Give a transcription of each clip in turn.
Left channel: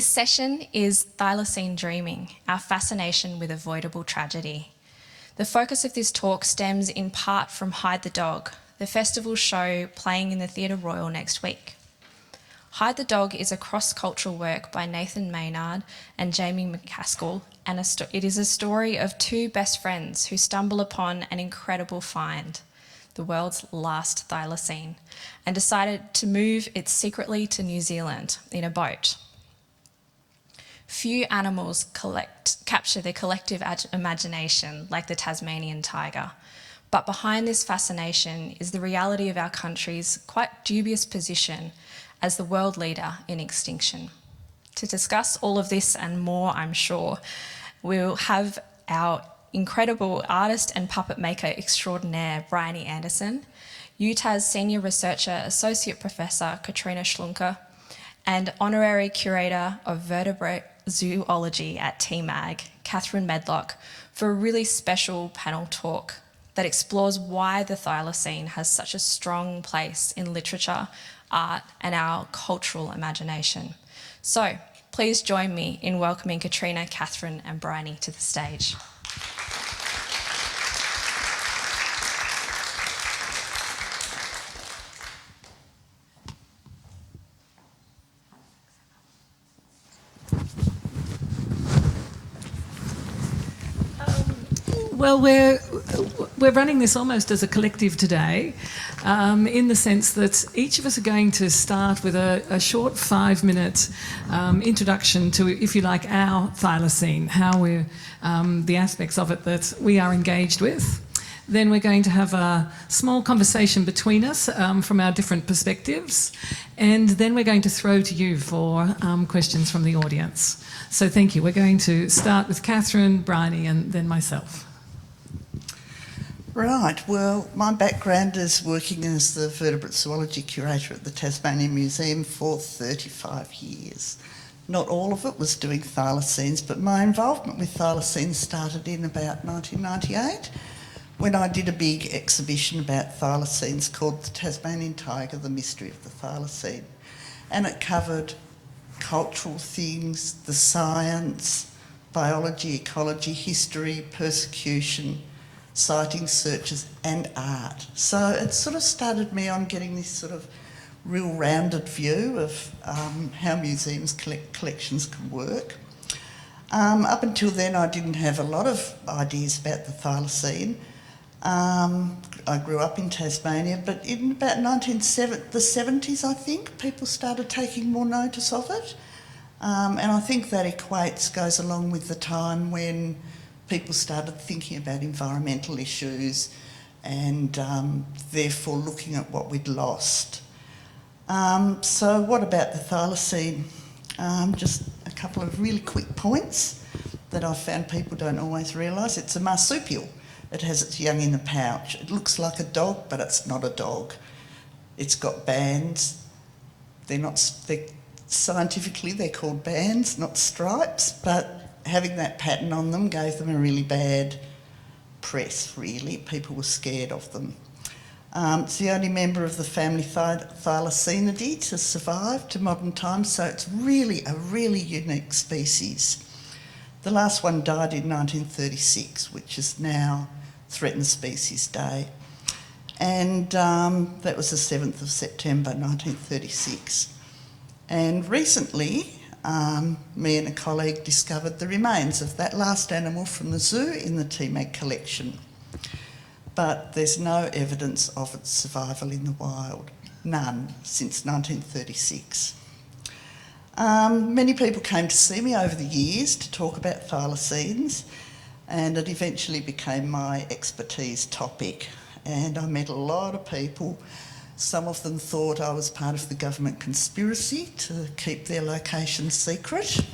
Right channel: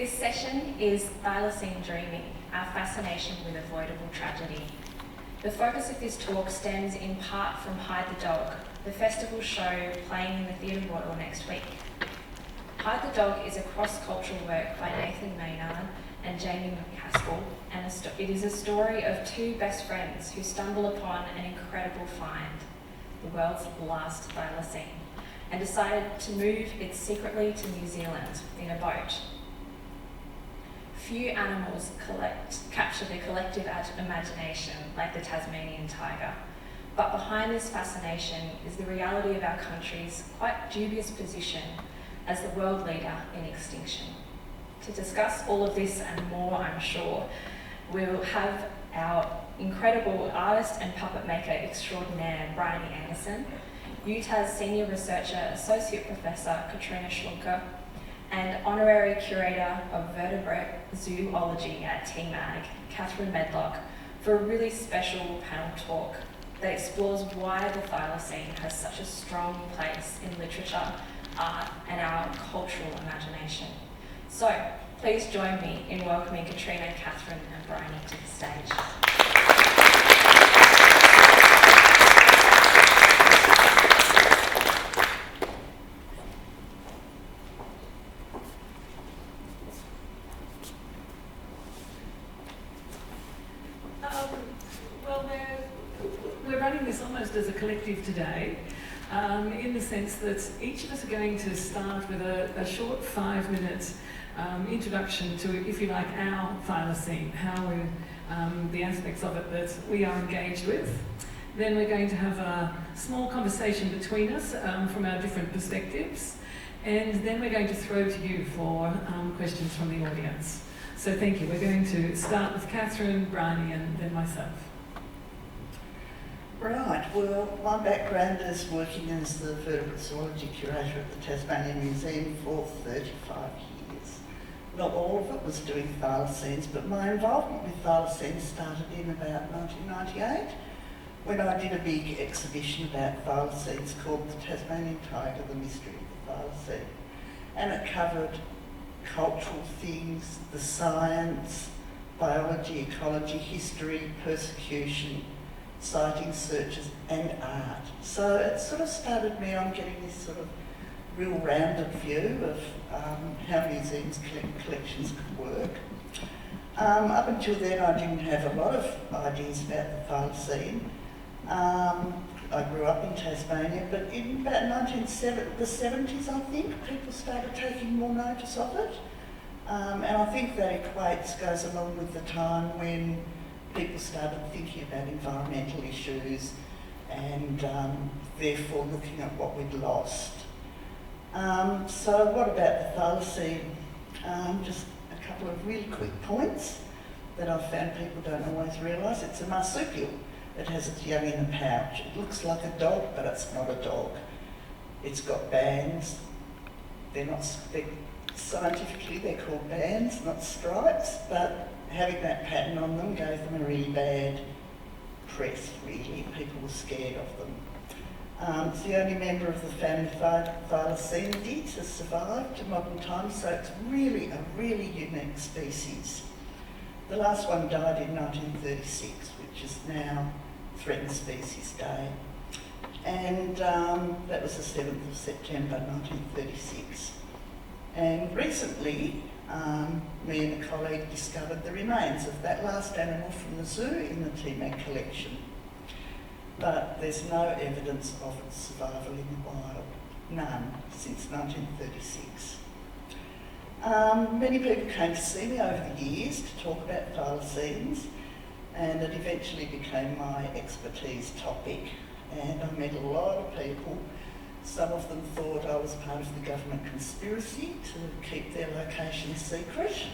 This session is Thylacine Dreaming, our fascination with avoidable tragedy. The focus of this talk stems in part from Hide the Dog, the festival show playing in the Theatre Royal next week. Hide the Dog is a cross-cultural work by Nathan Maynard and Jamie McCaskill, and it is a story of two best friends who stumble upon an incredible find, the world's last thylacine, and decided to move it secretly to New Zealand in a boat. Few animals capture the collective imagination like the Tasmanian tiger, but behind this fascination is the reality of our country's quite dubious position as the world leader in extinction. To discuss all of this and more, I'm sure, we'll have our incredible artist and puppet maker extraordinaire, Bryony Anderson, UTAS Senior Researcher Associate Professor Katrina Schlunke, and Honorary Curator of Vertebrate Zoology at TMAG, Kathryn Medlock, for a really special panel talk that explores why the thylacine has such a strong place in literature, art, and our cultural imagination. So, please join me in welcoming Katrina, Kathryn, and Bryony to the stage. Well, we're running this almost as a collective today, in the sense that each of us are going to start with a short 5-minute introduction to, if you like, our thylacine, how we're, the aspects of it that we are engaged with. Then we're going to have a small conversation between us from our different perspectives, and then we're going to throw to you for questions from the audience. So thank you. We're going to start with Kathryn, Bryony, and then myself. Right, well, my background is working as the Vertebrate Zoology Curator at the Tasmanian Museum for 35 years. Not all of it was doing thylacines, but my involvement with thylacines started in about 1998 when I did a big exhibition about thylacines called The Tasmanian Tiger, The Mystery of the Thylacine. And it covered cultural things, the science, biology, ecology, history, persecution, sighting searches and art. So it sort of started me on getting this sort of real rounded view of how museums collections can work. Up until then I didn't have a lot of ideas about the thylacine. I grew up in Tasmania, but in about the 70s I think, people started taking more notice of it. And I think that goes along with the time when people started thinking about environmental issues and therefore looking at what we'd lost. So what about the thylacine? Just a couple of really quick points that I've found people don't always realise. It's a marsupial. It has its young in the pouch. It looks like a dog, but it's not a dog. It's got bands. Scientifically they're called bands, not stripes, but having that pattern on them gave them a really bad press, really. People were scared of them. It's the only member of the family Thylacinidae to survive to modern times, so it's really a really unique species. The last one died in 1936, which is now Threatened Species Day. And that was the 7th of September 1936. And recently, me and a colleague discovered the remains of that last animal from the zoo in the TMAG collection. But there's no evidence of its survival in the wild, none, since 1936. Many people came to see me over the years to talk about thylacines, and it eventually became my expertise topic. And I met a lot of people. Some of them thought I was part of the government conspiracy to keep their location secret.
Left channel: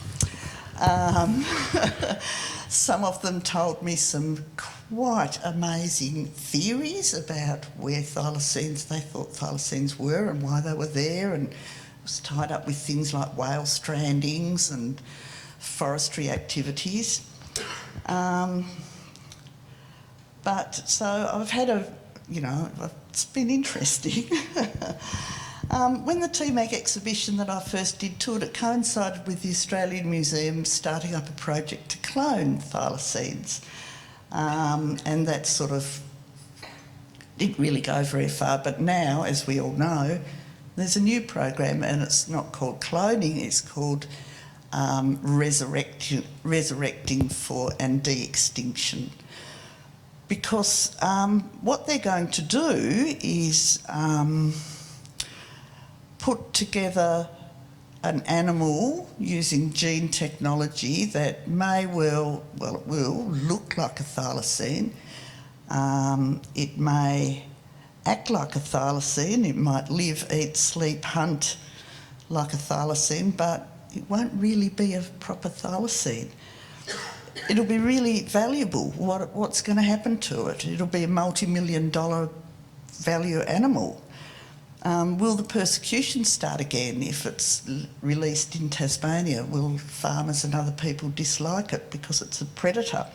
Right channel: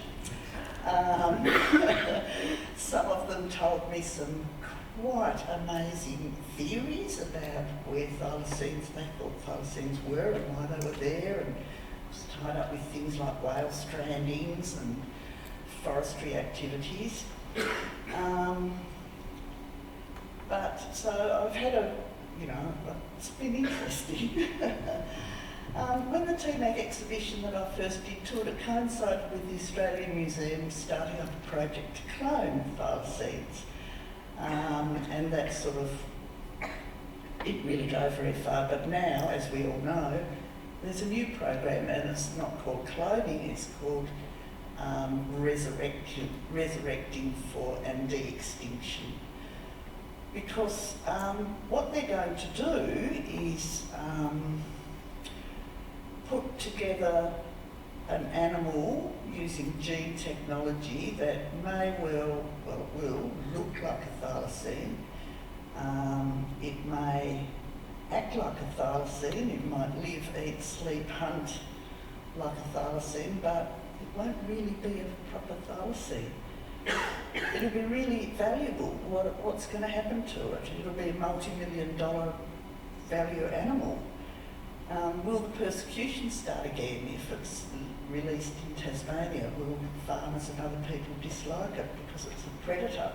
Some of them told me some quite amazing theories about where they thought thylacines were and why they were there, and it was tied up with things like whale strandings and forestry activities. But so I've had it's been interesting. When the TMAG exhibition that I first did toured, it coincided with the Australian Museum starting up a project to clone thylacines. And that sort of didn't really go very far, but now, as we all know, there's a new program, and it's not called cloning, it's called resurrecting for and de-extinction. Because what they're going to do is put together an animal using gene technology that may well it will look like a thylacine. It may act like a thylacine. It might live, eat, sleep, hunt like a thylacine, but it won't really be a proper thylacine. It'll be really valuable. What's going to happen to it? It'll be a multi-million-dollar value animal. Will the persecution start again if it's released in Tasmania? Will farmers and other people dislike it because it's a predator?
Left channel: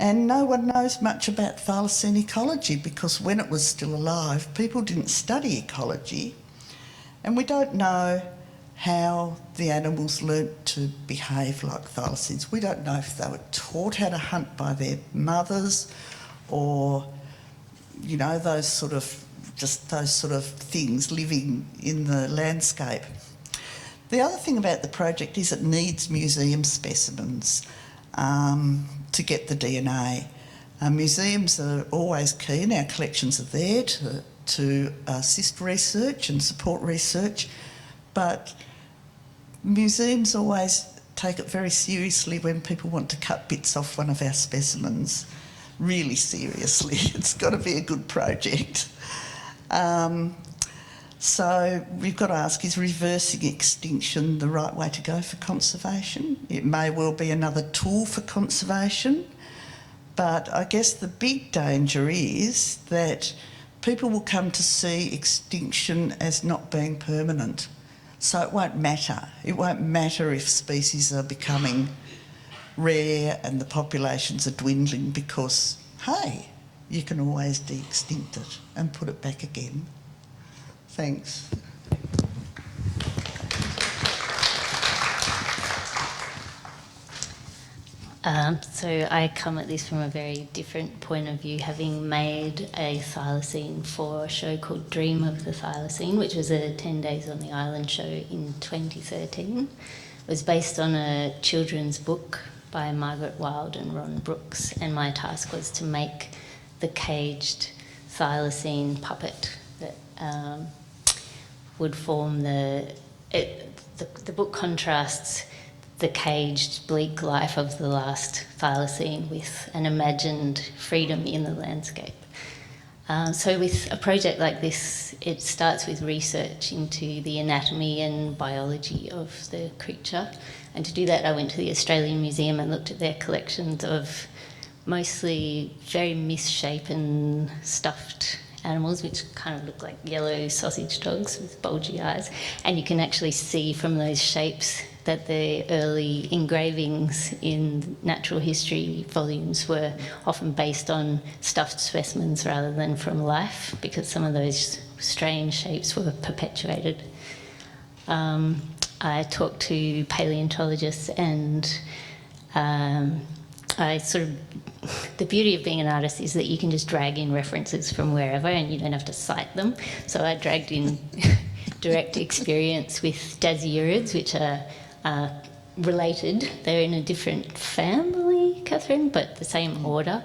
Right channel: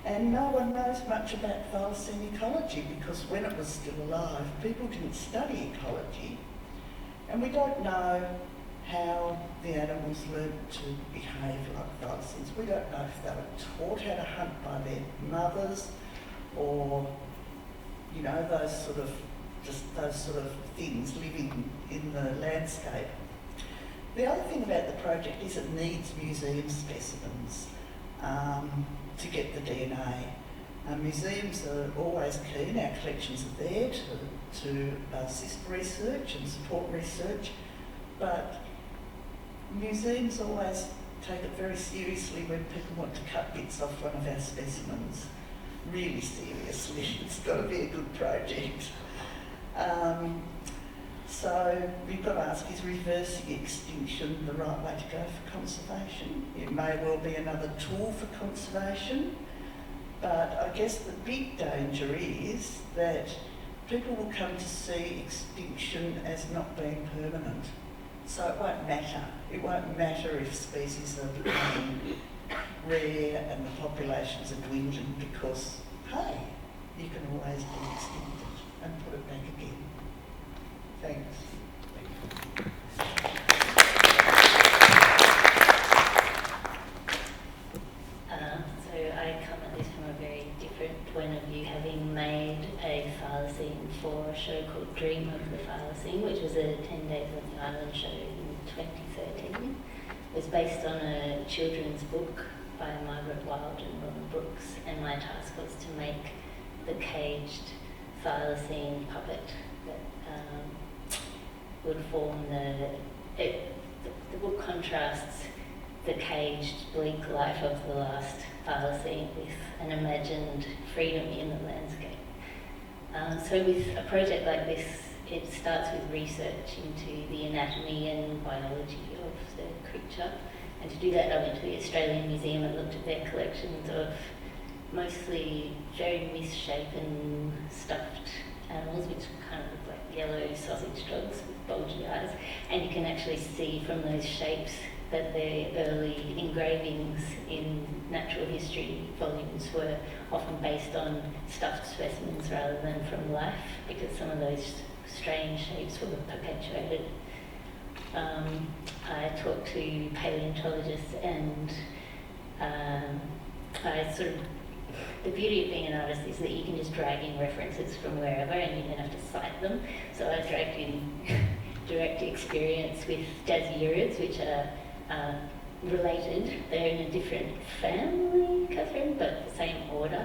And no one knows much about thylacine ecology, because when it was still alive, people didn't study ecology, and we don't know how the animals learnt to behave like thylacines. We don't know if they were taught how to hunt by their mothers, or, you know, those sort of things living in the landscape. The other thing about the project is it needs museum specimens to get the DNA. Museums are always keen, our collections are there to assist research and support research, but museums always take it very seriously when people want to cut bits off one of our specimens. Really seriously. It's got to be a good project. So we've got to ask, is reversing extinction the right way to go for conservation? It may well be another tool for conservation, but I guess the big danger is that people will come to see extinction as not being permanent. So it won't matter. It won't matter if species are becoming rare and the populations are dwindling, because, hey, you can always de-extinct it and put it back again. Thanks. So I come at this from a very different point of view, having made a thylacine for a show called Dream of the Thylacine, which was a 10 Days on the Island show in 2013. It was based on a children's book by Margaret Wilde and Ron Brooks, and my task was to make the caged thylacine puppet that would form the book contrasts the caged, bleak life of the last thylacine with an imagined freedom in the landscape. So with a project like this, it starts with research into the anatomy and biology of the creature. And to do that, I went to the Australian Museum and looked at their collections of mostly very misshapen stuffed animals, which kind of look like yellow sausage dogs with bulgy eyes. And you can actually see from those shapes that the early engravings in natural history volumes were often based on stuffed specimens rather than from life, because some of those strange shapes were perpetuated. I talked to paleontologists, and the beauty of being an artist is that you can just drag in references from wherever and you don't have to cite them. So I dragged in direct experience with dasyurids, which are related. They're in a different family, Kathryn, but the same order.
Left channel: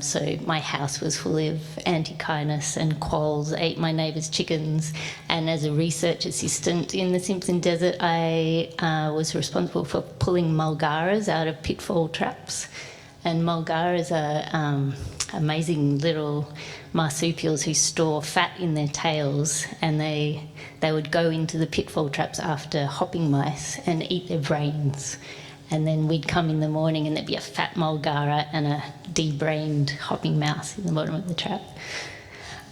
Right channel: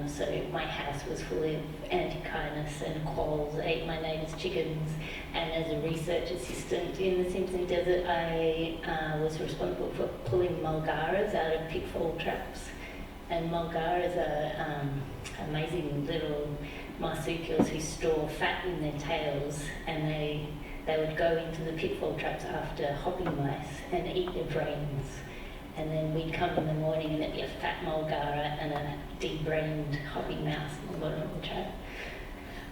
So my house was full of antechinus, and quolls ate my neighbour's chickens. And as a research assistant in the Simpson Desert, I was responsible for pulling mulgaras out of pitfall traps. And mulgaras are amazing little marsupials who store fat in their tails, and they would go into the pitfall traps after hopping mice and eat their brains. And then we'd come in the morning and there'd be a fat mulgara and a de-brained hopping mouse in the bottom of the trap.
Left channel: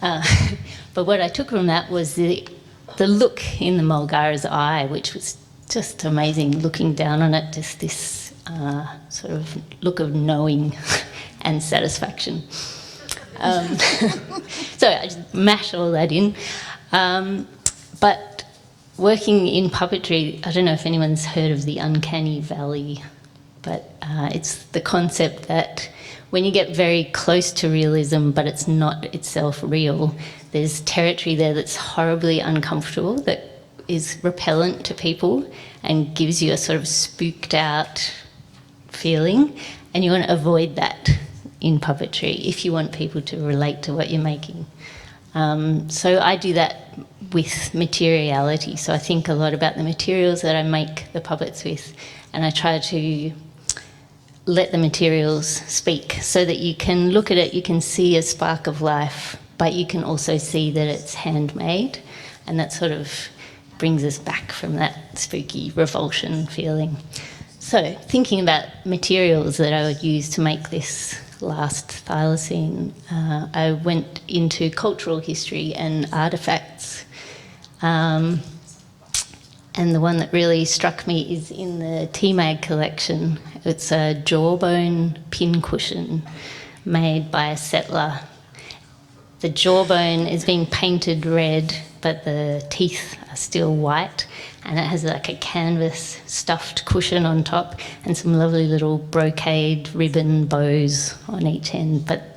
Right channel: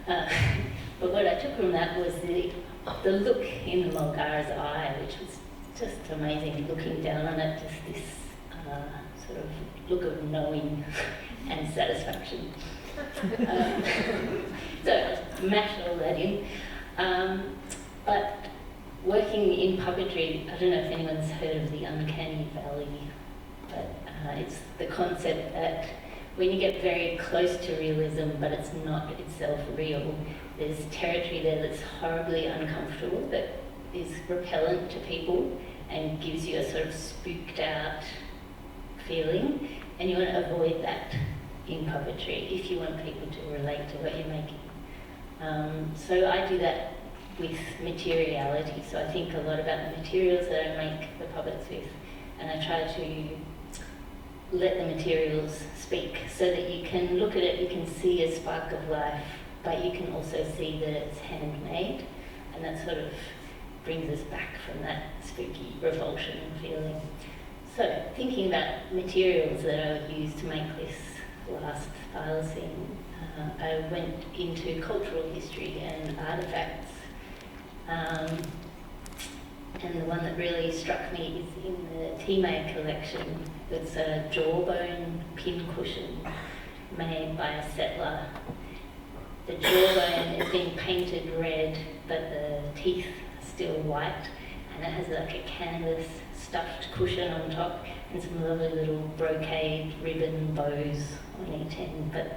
But what I took from that was the look in the mulgara's eye, which was just amazing, looking down on it, just this sort of look of knowing and satisfaction. So I just mashed all that in. But working in puppetry, I don't know if anyone's heard of the uncanny valley, but it's the concept that when you get very close to realism but it's not itself real, there's territory there that's horribly uncomfortable, that is repellent to people and gives you a sort of spooked out feeling, and you want to avoid that in puppetry if you want people to relate to what you're making. So I do that with materiality, so I think a lot about the materials that I make the puppets with, and I try to let the materials speak so that you can look at it, you can see a spark of life, but you can also see that it's handmade, and that sort of brings us back from that spooky revulsion feeling. So thinking about materials that I would use to make this last thylacine, I went into cultural history and artefacts, and the one that really struck me is in the TMAG collection. It's a jawbone pincushion made by a settler. The jawbone is being painted red, but the teeth are still white, and it has like a canvas stuffed cushion on top and some lovely little brocade ribbon bows on each end. But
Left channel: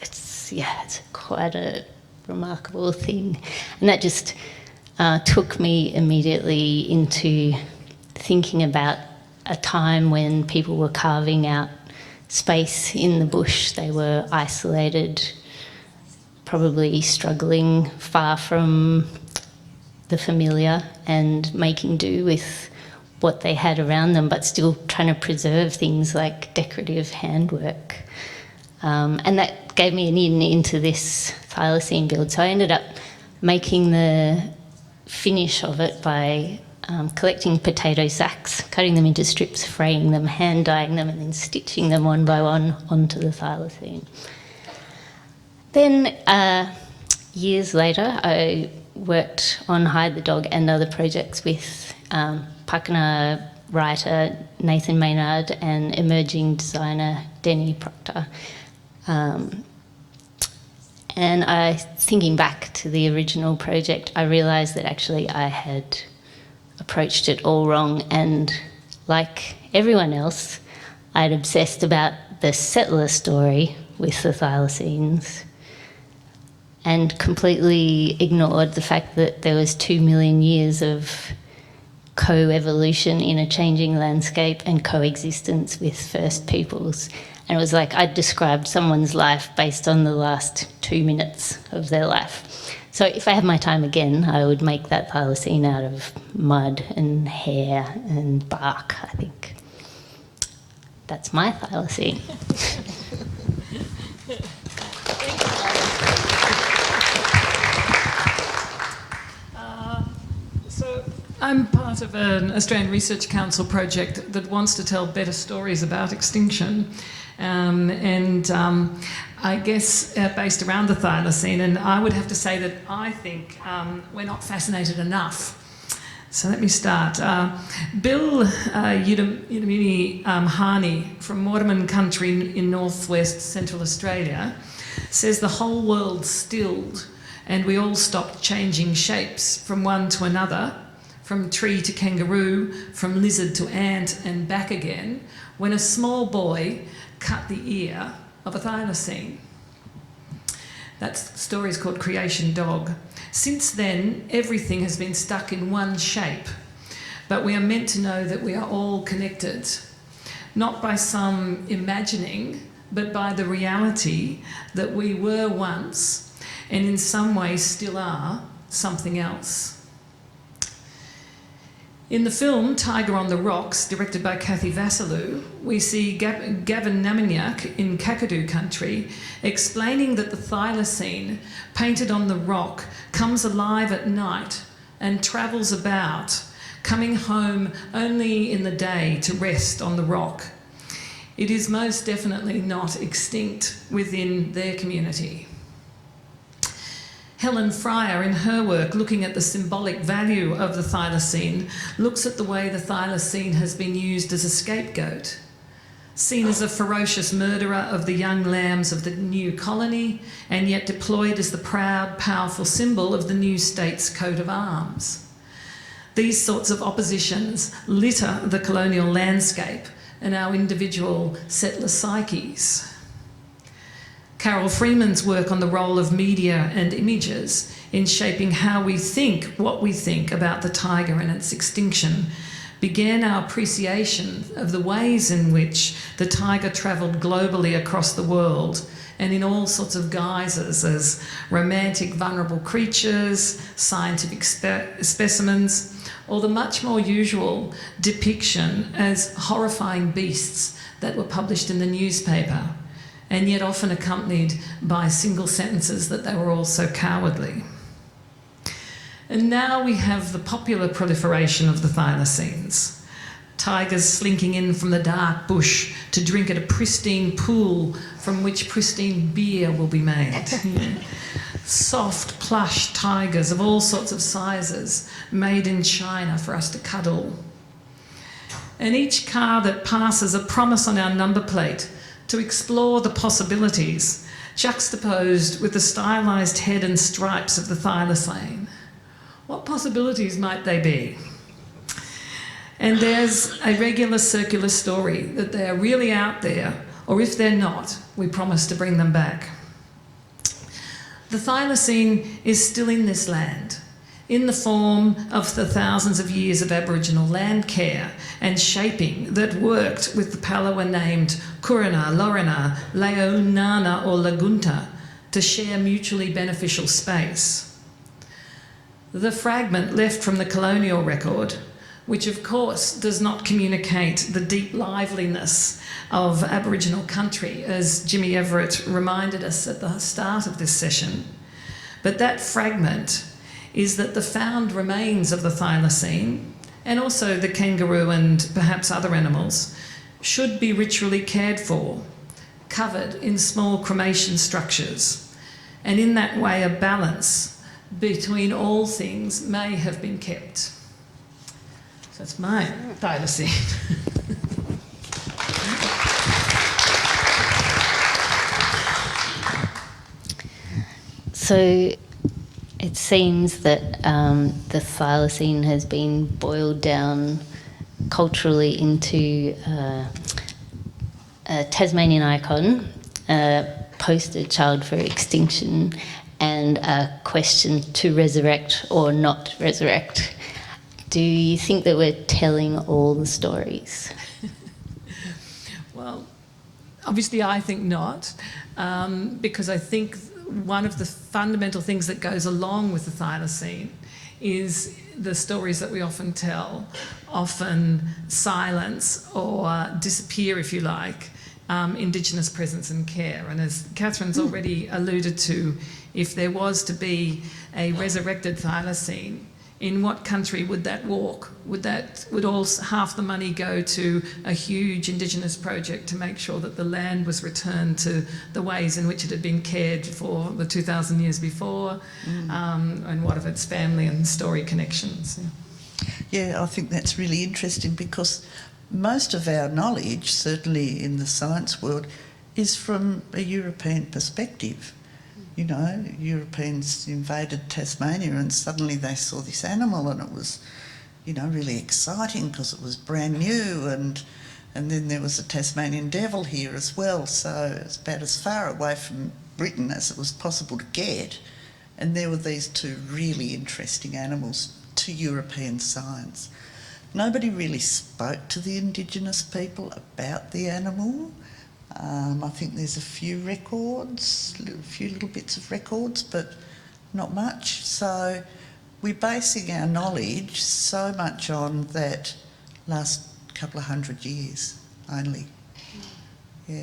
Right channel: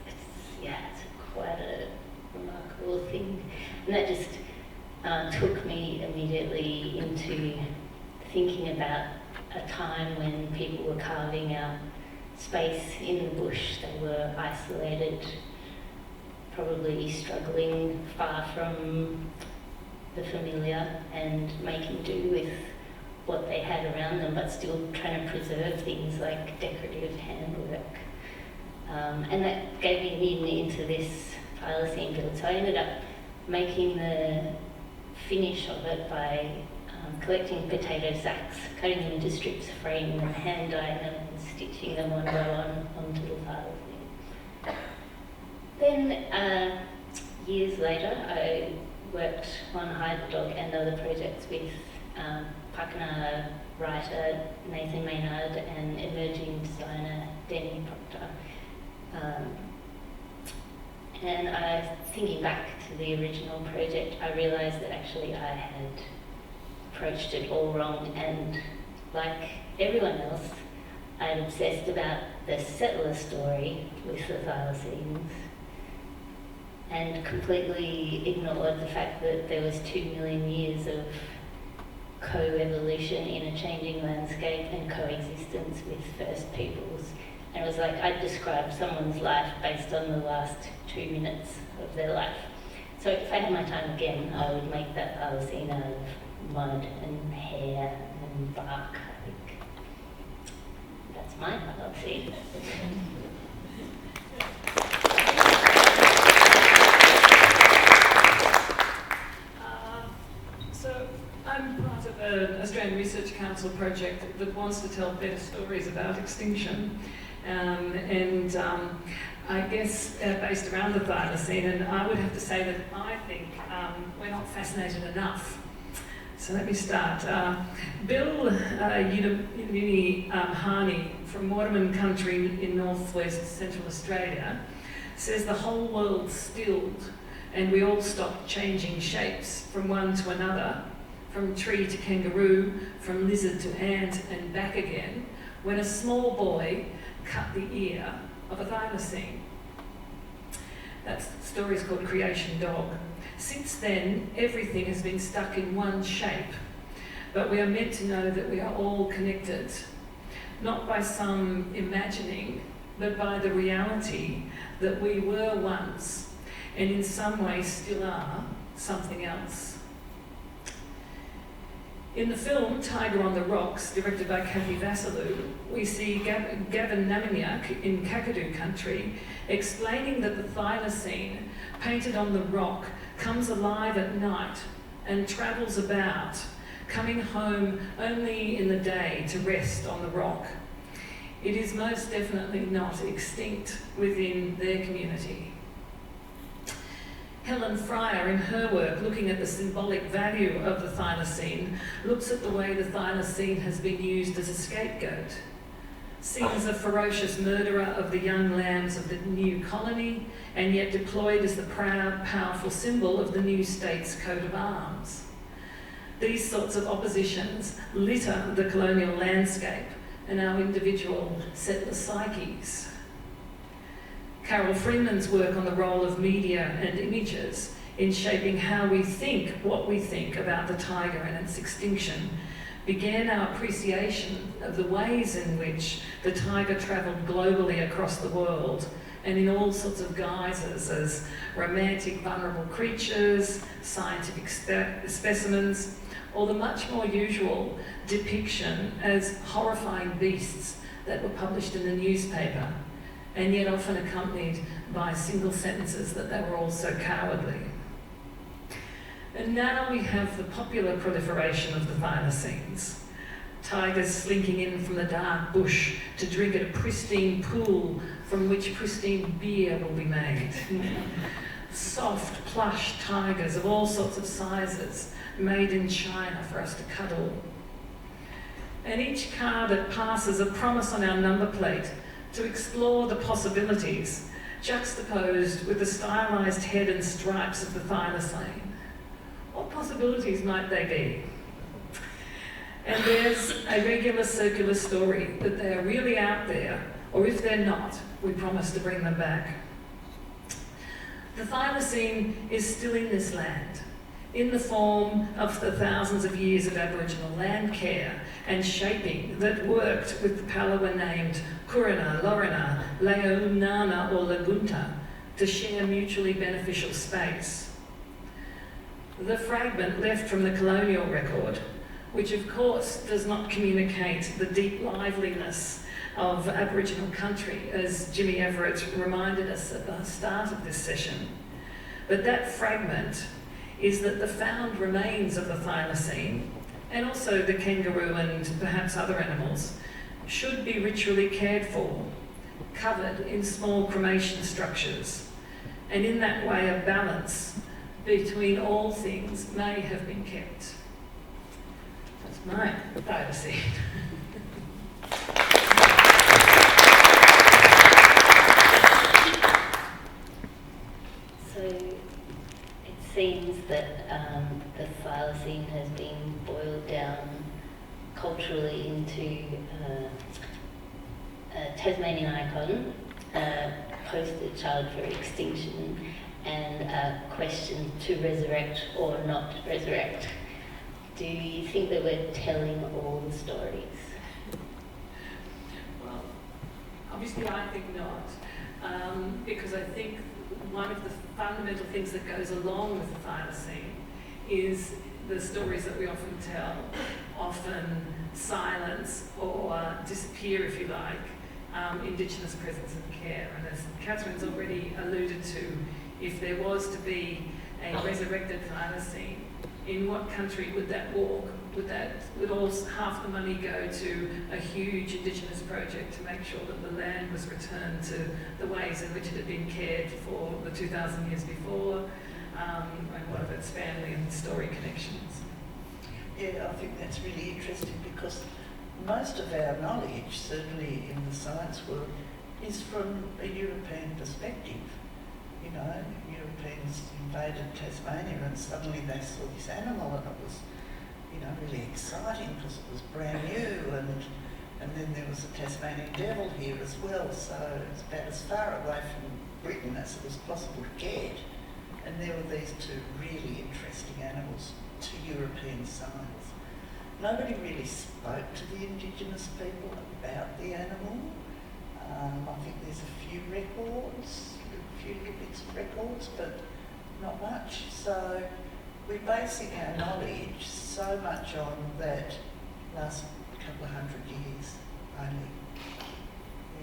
it's quite a remarkable thing, and that just took me immediately into thinking about a time when people were carving out space in the bush. They were isolated, probably struggling far from the familiar and making do with what they had around them, but still trying to preserve things like decorative handwork. And that gave me an in into this thylacine build. So I ended up making the finish of it by collecting potato sacks, cutting them into strips, fraying them, hand dyeing them, and then stitching them one by one onto the thylacine. Then years later, I worked on Hide the Dog and other projects with Pakana writer Nathan Maynard and emerging designer Denny Proctor. And thinking back to the original project, I realised that actually I had approached it all wrong, and like everyone else, I'd obsessed about the settler story with the thylacines and completely ignored the fact that there was 2 million years of co-evolution in a changing landscape and coexistence with First Peoples. And it was like I'd described someone's life based on the last 2 minutes of their life. So if I had my time again, I would make that thylacine out of mud and hair and bark, I think. That's my thylacine. I'm part of an Australian Research Council project that wants to tell better stories about extinction, and I guess based around the thylacine, and I would have to say that I think we're not fascinated enough. So let me start. Bill Yudamini Harney from Waterman Country in northwest central Australia says the whole world stilled and we all stopped changing shapes from one to another, from tree to kangaroo, from lizard to ant and back again, when a small boy cut the ear of a thylacine. That story is called Creation Dog. Since then, everything has been stuck in one shape, but we are meant to know that we are all connected, not by some imagining, but by the reality that we were once, and in some ways still are, something else. In the film Tiger on the Rocks, directed by Kathy Vassalou, we see Gavin Namanyak in Kakadu country explaining that the thylacine, painted on the rock, comes alive at night and travels about, coming home only in the day to rest on the rock. It is most definitely not extinct within their community. Helen Fryer, in her work looking at the symbolic value of the thylacine, looks at the way the thylacine has been used as a scapegoat. seen as a ferocious murderer of the young lambs of the new colony, and yet deployed as the proud, powerful symbol of the new state's coat of arms. These sorts of oppositions litter the colonial landscape and our individual settler psyches. Carol Freeman's work on the role of media and images in shaping how we think, what we think about the tiger and its extinction, began our appreciation of the ways in which the tiger travelled globally across the world and in all sorts of guises as romantic, vulnerable creatures, scientific specimens, or the much more usual depiction as horrifying beasts that were published in the newspaper, and yet often accompanied by single sentences that they were all so cowardly. And now we have the popular proliferation of the thylacines. Tigers slinking in from the dark bush to drink at a pristine pool from which pristine beer will be made. Soft, plush tigers of all sorts of sizes, made in China for us to cuddle. And each car that passes a promise on our number plate to explore the possibilities, juxtaposed with the stylised head and stripes of the thylacine. What possibilities might they be? And there's a regular circular story that they are really out there, or if they're not, we promise to bring them back. The thylacine is still in this land, in the form of the thousands of years of Aboriginal land care and shaping that worked with the Palawa named Kurana, Lorana, Leonana or Lagunta to share mutually beneficial space. The fragment left from the colonial record, which of course does not communicate the deep liveliness of Aboriginal country, as Jimmy Everett reminded us at the start of this session. But that fragment is that the found remains of the thylacine, and also the kangaroo and perhaps other animals, should be ritually cared for, covered in small cremation structures, and in that way a balance between all things may have been kept. So that's my thylacine. So it seems that the thylacine has been boiled down culturally into a Tasmanian icon, a poster child for extinction, and a question to resurrect or not resurrect. Do you think that we're telling all the stories? Well, obviously I think not, because I think one of the fundamental things that goes along with the thylacine is the stories that we often tell, often silence or disappear, if you like, Indigenous presence and care. And as Kathryn's already alluded to, if there was to be a resurrected thylacine, in what country would that walk? Would all half the money go to a huge Indigenous project to make sure that the land was returned to the ways in which it had been cared for the 2,000 years before, and what of its family and story connections? Yeah, I think that's really interesting because most of our knowledge, certainly in the science world, is from a European perspective. You know, Europeans invaded Tasmania and suddenly they saw this animal and it was, you know, really exciting because it was brand new, and then there was a Tasmanian devil here as well, so it's about as far away from Britain as it was possible to get. And there were these two really interesting animals to European science. Nobody really spoke to the Indigenous people about the animal. I think there's a few records, a few little bits of records, but not much. So we're basing our knowledge so much on that last couple of 100 years only. Yeah.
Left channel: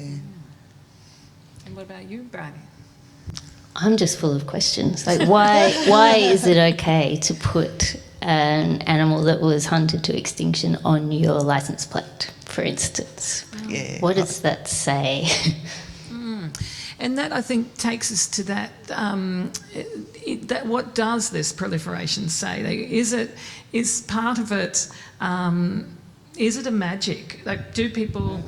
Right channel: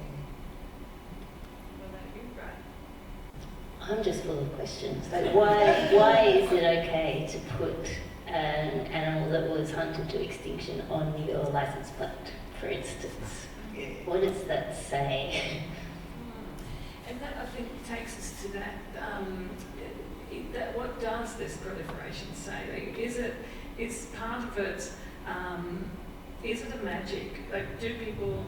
And what about you, Bryony? I'm just full of questions. Like, why is it okay to put an animal that was hunted to extinction on your license plate, for instance? Yeah. What does that say? And that, I think, takes us to that, that what does this proliferation say? Is part of it, is it a magic? Like, do people,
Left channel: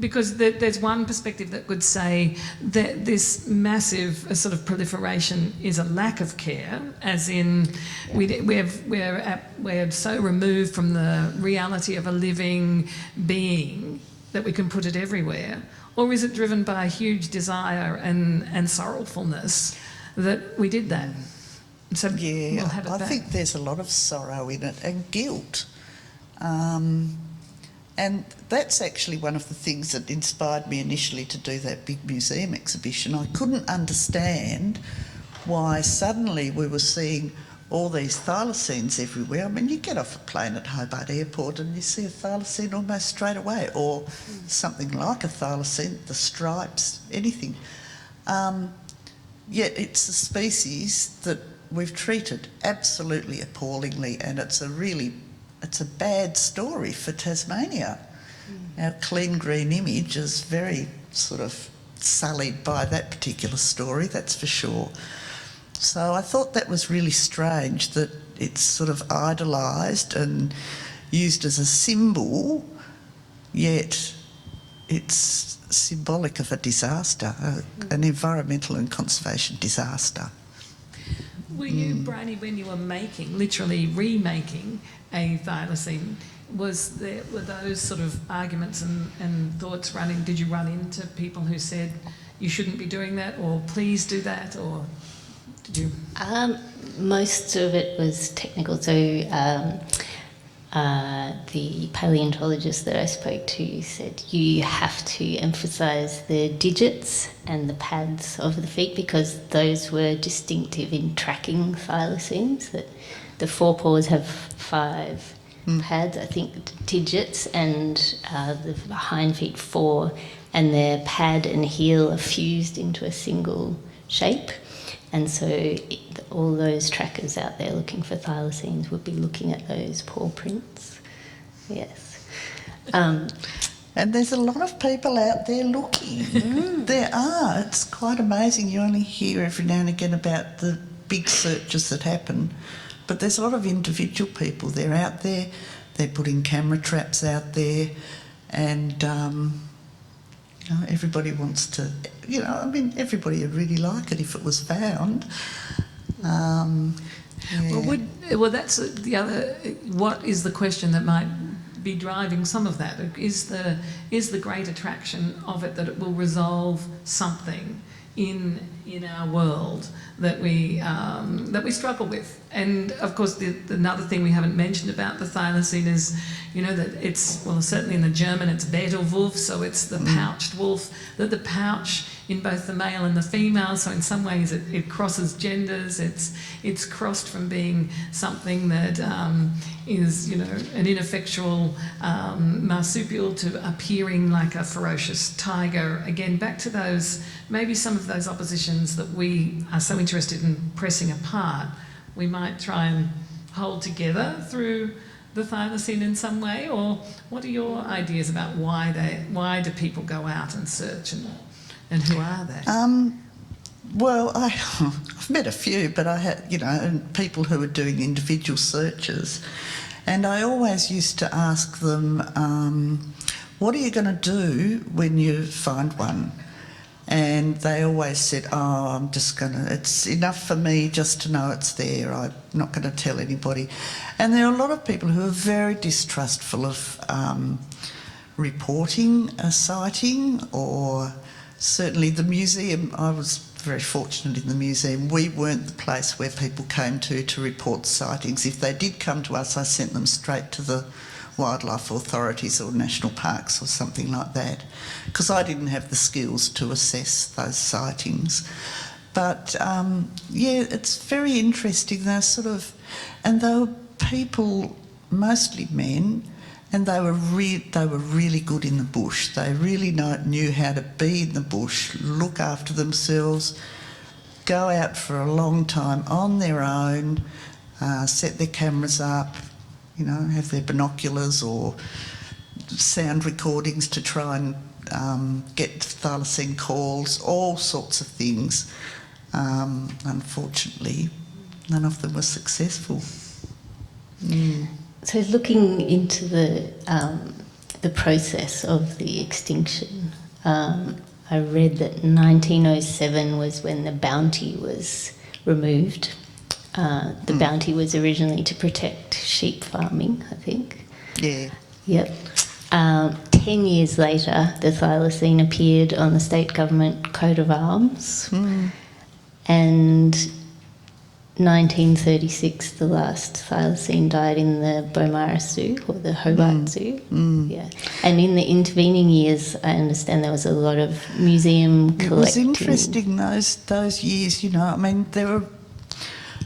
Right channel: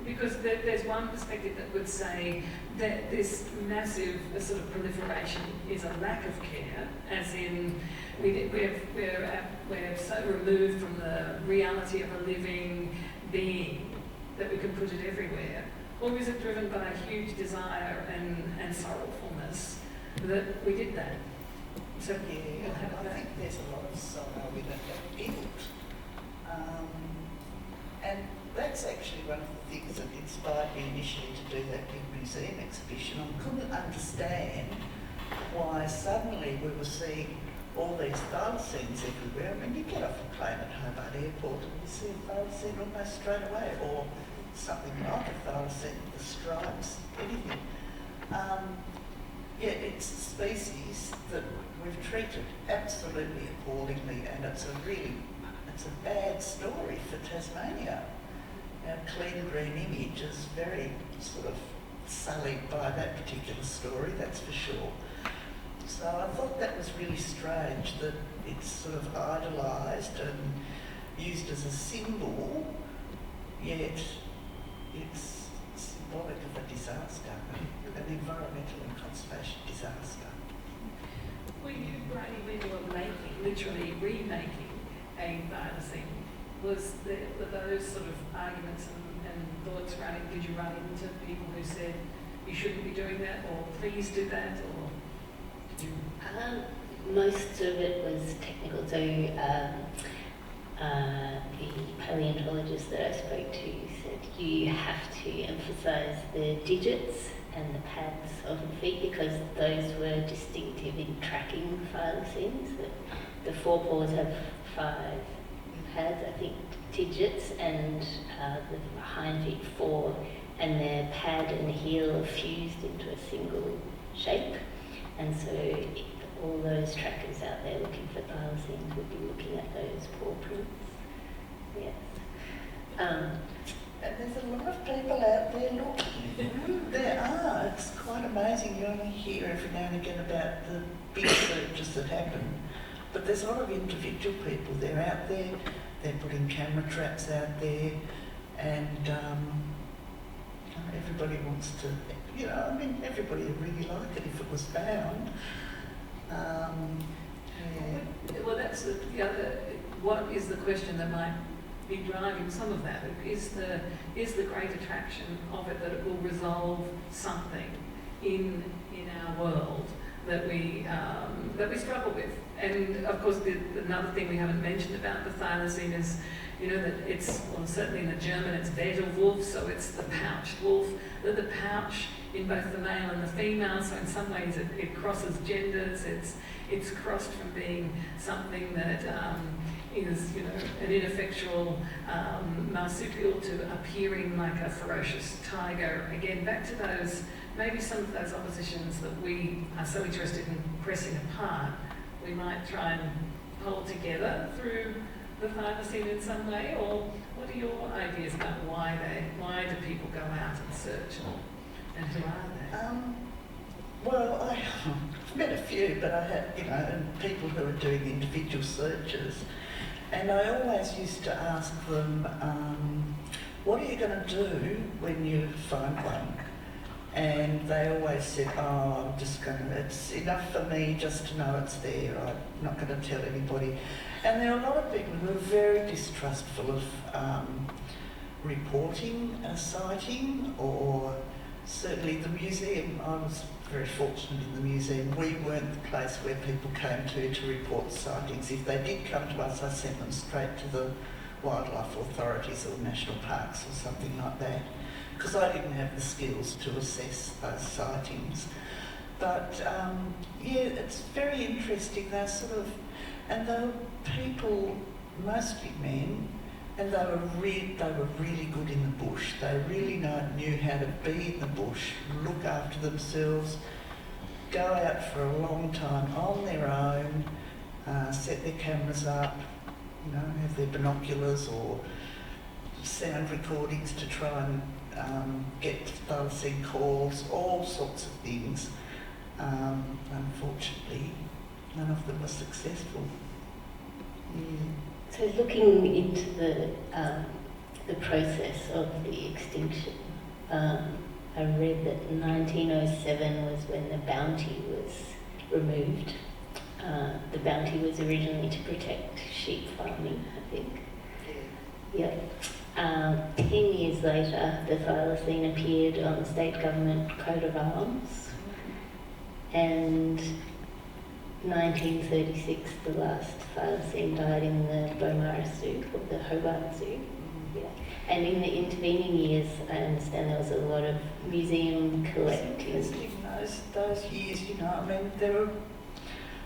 because there's one perspective that would say that this massive sort of proliferation is a lack of care, as in we're so removed from the reality of a living being that we can put it everywhere, or is it driven by a huge desire and sorrowfulness that we did that? So Yeah, we'll have it I back. think there's a lot of sorrow in it and guilt. And that's actually one of the things that inspired me initially to do that big museum exhibition. I couldn't understand why suddenly we were seeing all these thylacines everywhere. I mean, you get off a plane at Hobart Airport and you see a thylacine almost straight away, or something like a thylacine, the stripes, anything. Yet it's a species that we've treated absolutely appallingly, and it's a bad story for Tasmania. Our clean green image is very sort of sullied by that particular story, that's for sure. So I thought that was really strange that it's sort of idolised and used as a symbol, yet it's symbolic of a disaster, an environmental and conservation disaster. Were you, Bryony, when you were literally remaking a thylacine, were those sort of arguments and thoughts running? Did you run into people who said you shouldn't be doing that, or please do that, or did you? Most of it was technical. So the paleontologist that I spoke to said you have to emphasise the digits and the pads of the feet, because those were distinctive in tracking thylacines. That the forepaws have 5 pads, I think, digits, and the hind feet 4, and their pad and heel are fused into a single shape. And so all those trackers out there looking for thylacines would be looking at those paw prints. Yes. And there's a lot of people out there looking. There are. It's quite amazing. You only hear every now and again about the big searches that happen. But there's a lot of individual people. They're out there. They're putting camera traps out there. And everybody wants to... everybody would really like it if it was found. Yeah. Well, that's the other. What is the question that might be driving some of that? Is the great attraction of it that it will resolve something in our world that we struggle with? And of course, another thing we haven't mentioned about the thylacine is, that it's, well, certainly in the German it's Vertebrate, so it's the pouched wolf. That the pouch in both the male and the female, so in some ways it crosses genders. It's crossed from being something that is, an ineffectual marsupial to appearing like a ferocious tiger. Again, back to those, maybe some of those oppositions that we are so interested in pressing apart, we might try and hold together through the thylacine in some way. Or what are your ideas about why do people go out and search, and who are they? Well, I've met a few, but I had, and people who are doing individual searches, and I always used to ask them, what are you going to do when you find one? And they always said, it's enough for me just to know it's there. I'm not going to tell anybody. And there are a lot of people who are very distrustful of reporting a sighting, or certainly the museum. I was very fortunate in the museum. We weren't the place where people came to report sightings. If they did come to us, I sent them straight to the wildlife authorities or national parks or something like that, because I didn't have the skills to assess those sightings. But it's very interesting. And they were people, mostly men, and they were really good in the bush. They really knew how to be in the bush, look after themselves, go out for a long time on their own, set their cameras up, have their binoculars or sound recordings to try and get thylacine calls, all sorts of things. Unfortunately, none of them were successful. So looking into the the process of the extinction. I read that 1907 was when the bounty was removed. The bounty was originally to protect sheep farming, I think. Yeah. Yep. 10 years later, the thylacine appeared on the state government coat of arms. And 1936, the last thylacine died in the Beaumaris Zoo, or the Hobart Zoo. Yeah. And in the intervening years, I understand there was a lot of museum collecting. It was interesting those years, you know. I mean, there were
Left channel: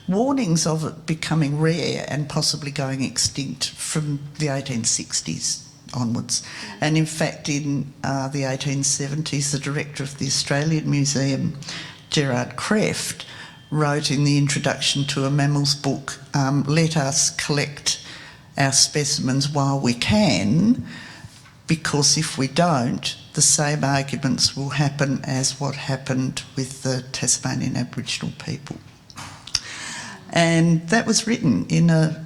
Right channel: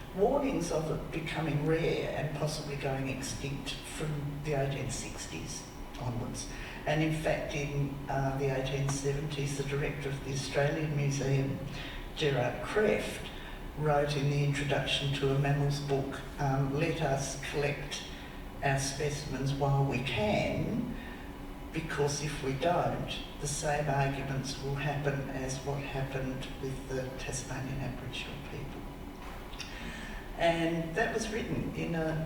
warnings of it becoming rare and possibly going extinct from the 1860s onwards. And in fact, in the 1870s, the director of the Australian Museum, Gerard Krefft, wrote in the introduction to a mammals book, let us collect our specimens while we can, because if we don't, the same arguments will happen as what happened with the Tasmanian Aboriginal people. And that was written in a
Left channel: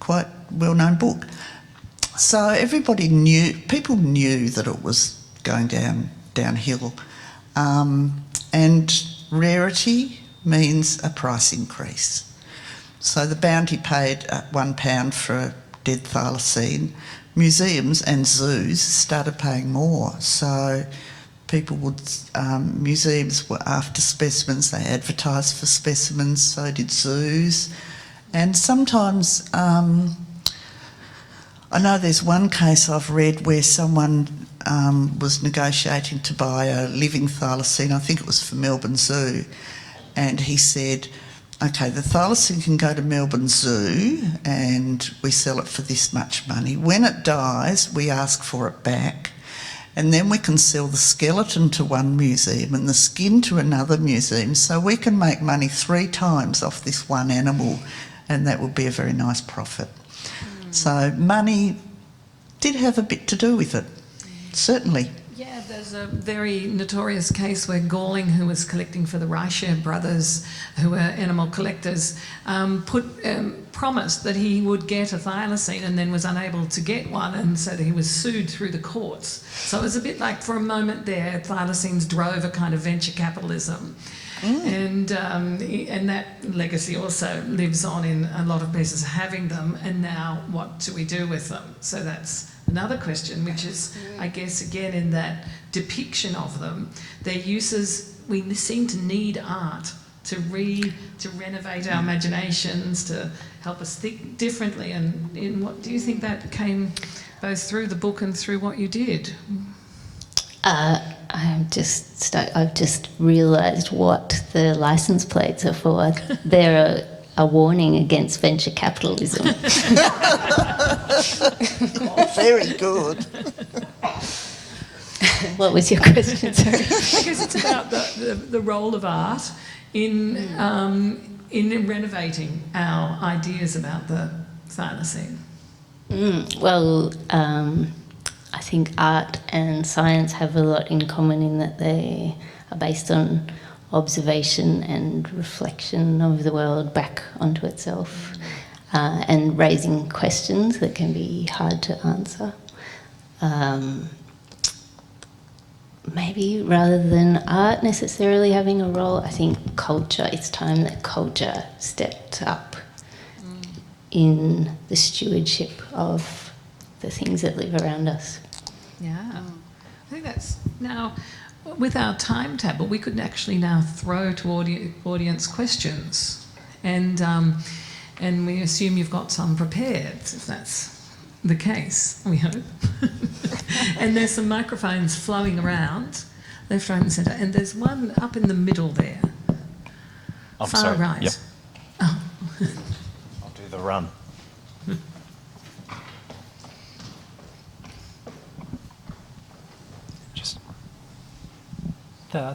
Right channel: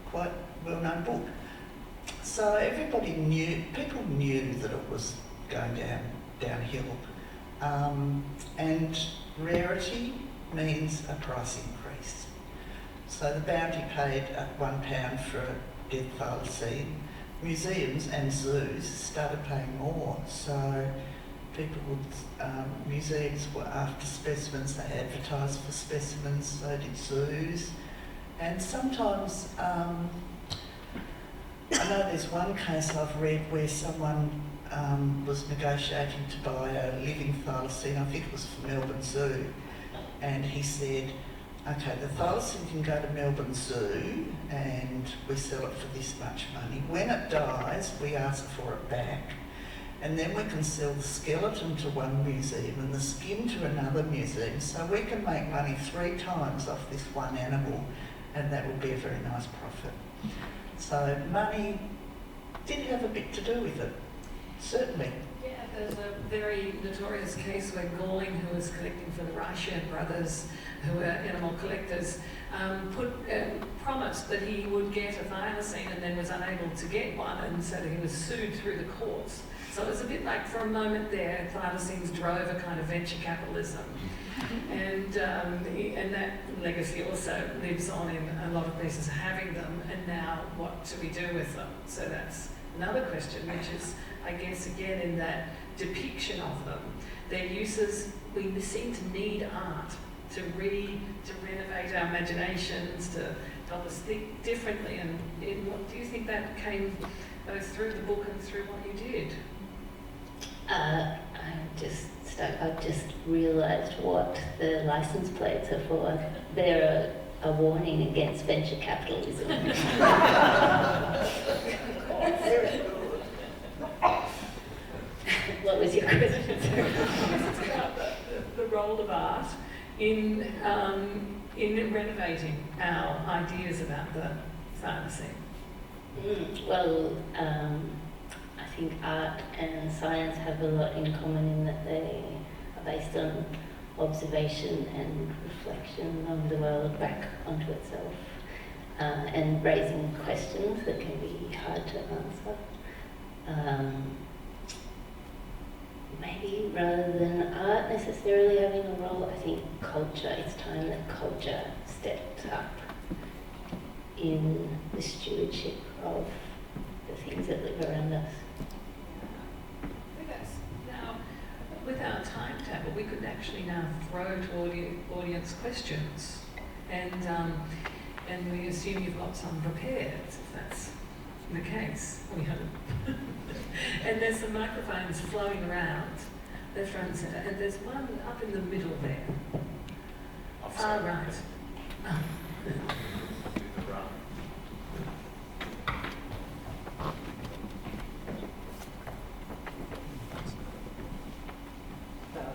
quite well-known book. So everybody knew, people knew that it was going downhill. And rarity means a price increase. So the bounty paid £1 for a dead thylacine. Museums and zoos started paying more. So people would, museums were after specimens, they advertised for specimens, so did zoos. And sometimes, I know there's one case I've read where someone was negotiating to buy a living thylacine, I think it was for Melbourne Zoo, and he said, okay, the thylacine can go to Melbourne Zoo and we sell it for this much money. When it dies, we ask for it back, and then we can sell the skeleton to one museum and the skin to another museum, so we can make money 3 times off this one animal, and that would be a very nice profit. So money did have a bit to do with it, certainly. Yeah, there's a very notorious case where Galling, who was collecting for the Reicher brothers, who were animal collectors, promised that he would get a thylacine and then was unable to get one, and so he was sued through the courts. So it was a bit like, for a moment there, thylacines drove a kind of venture capitalism. And that legacy also lives on in a lot of places having them, and now what do we do with them? So that's another question, which is, I guess, again, in that depiction of them, their uses, we seem to need art to renovate our imaginations, to help us think differently. And what do you think that came both through the book and through what you did? I've just realised what the licence plates are for. They're a warning against venture capitalism. Very good. What was your question, sorry? I guess it's about the role of art in renovating our ideas about the thylacine. Well, I think art and science have a lot in common in that they are based on observation and reflection of the world back onto itself, and raising questions that can be hard to answer. Maybe rather than art necessarily having a role, I think culture, it's time that culture stepped up in the stewardship of the things that live around us. Yeah, I think that's now, with our timetable, we could actually now throw to audience questions, and we assume you've got some prepared, if that's the case, we hope. And there's some microphones flowing around, left, right and centre, and there's one up in the middle there. I'm far sorry. right. Yep. Oh. I'll do the run.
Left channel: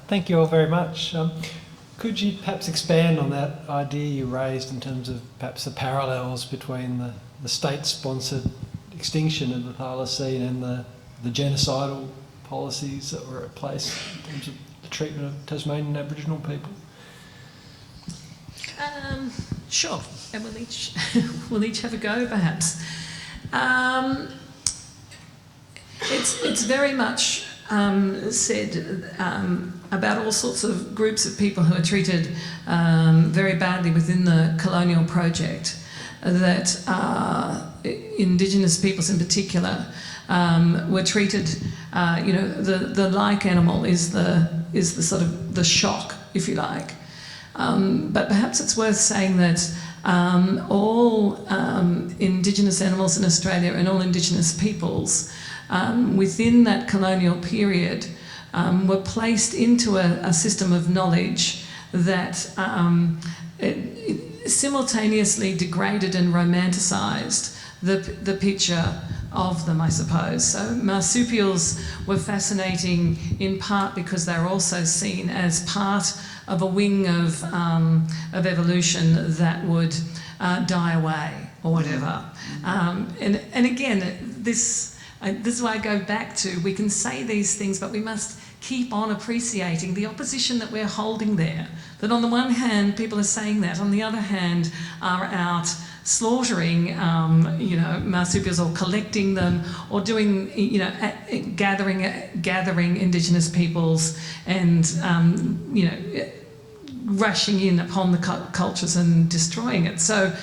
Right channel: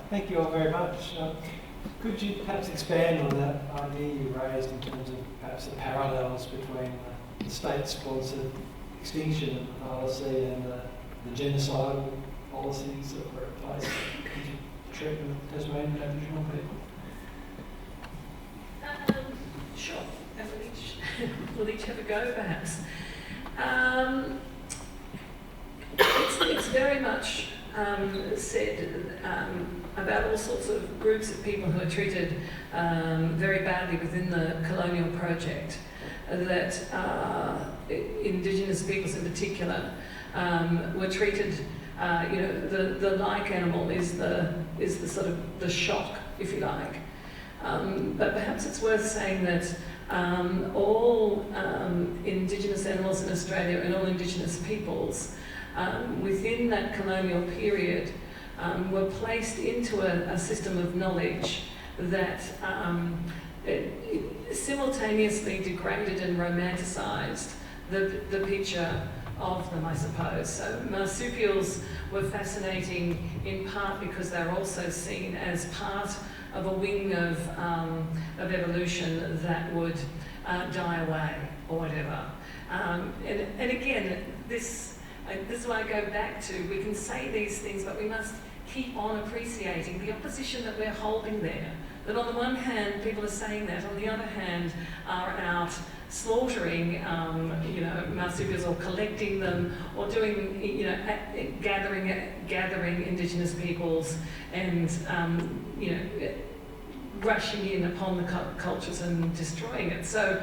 Thank you all very much. Could you perhaps expand on that idea you raised in terms of perhaps the parallels between the state-sponsored extinction of the thylacine and the genocidal policies that were at place in terms of the treatment of Tasmanian Aboriginal people? Sure, and we'll each have a go, perhaps. it's very much said about all sorts of groups of people who are treated very badly within the colonial project, that Indigenous peoples in particular were treated, the like animal is the sort of the shock, if you like. But perhaps it's worth saying that all Indigenous animals in Australia and all Indigenous peoples within that colonial period were placed into a system of knowledge that it simultaneously degraded and romanticised the picture of them, I suppose. So marsupials were fascinating in part because they were also seen as part of a wing of evolution that would die away or whatever. And again, this is why I go back to, we can say these things, but we must keep on appreciating the opposition that we're holding there. That on the one hand, people are saying that, on the other hand, are out slaughtering, marsupials, or collecting them, or doing, gathering Indigenous peoples, and rushing in upon the cultures and destroying it. So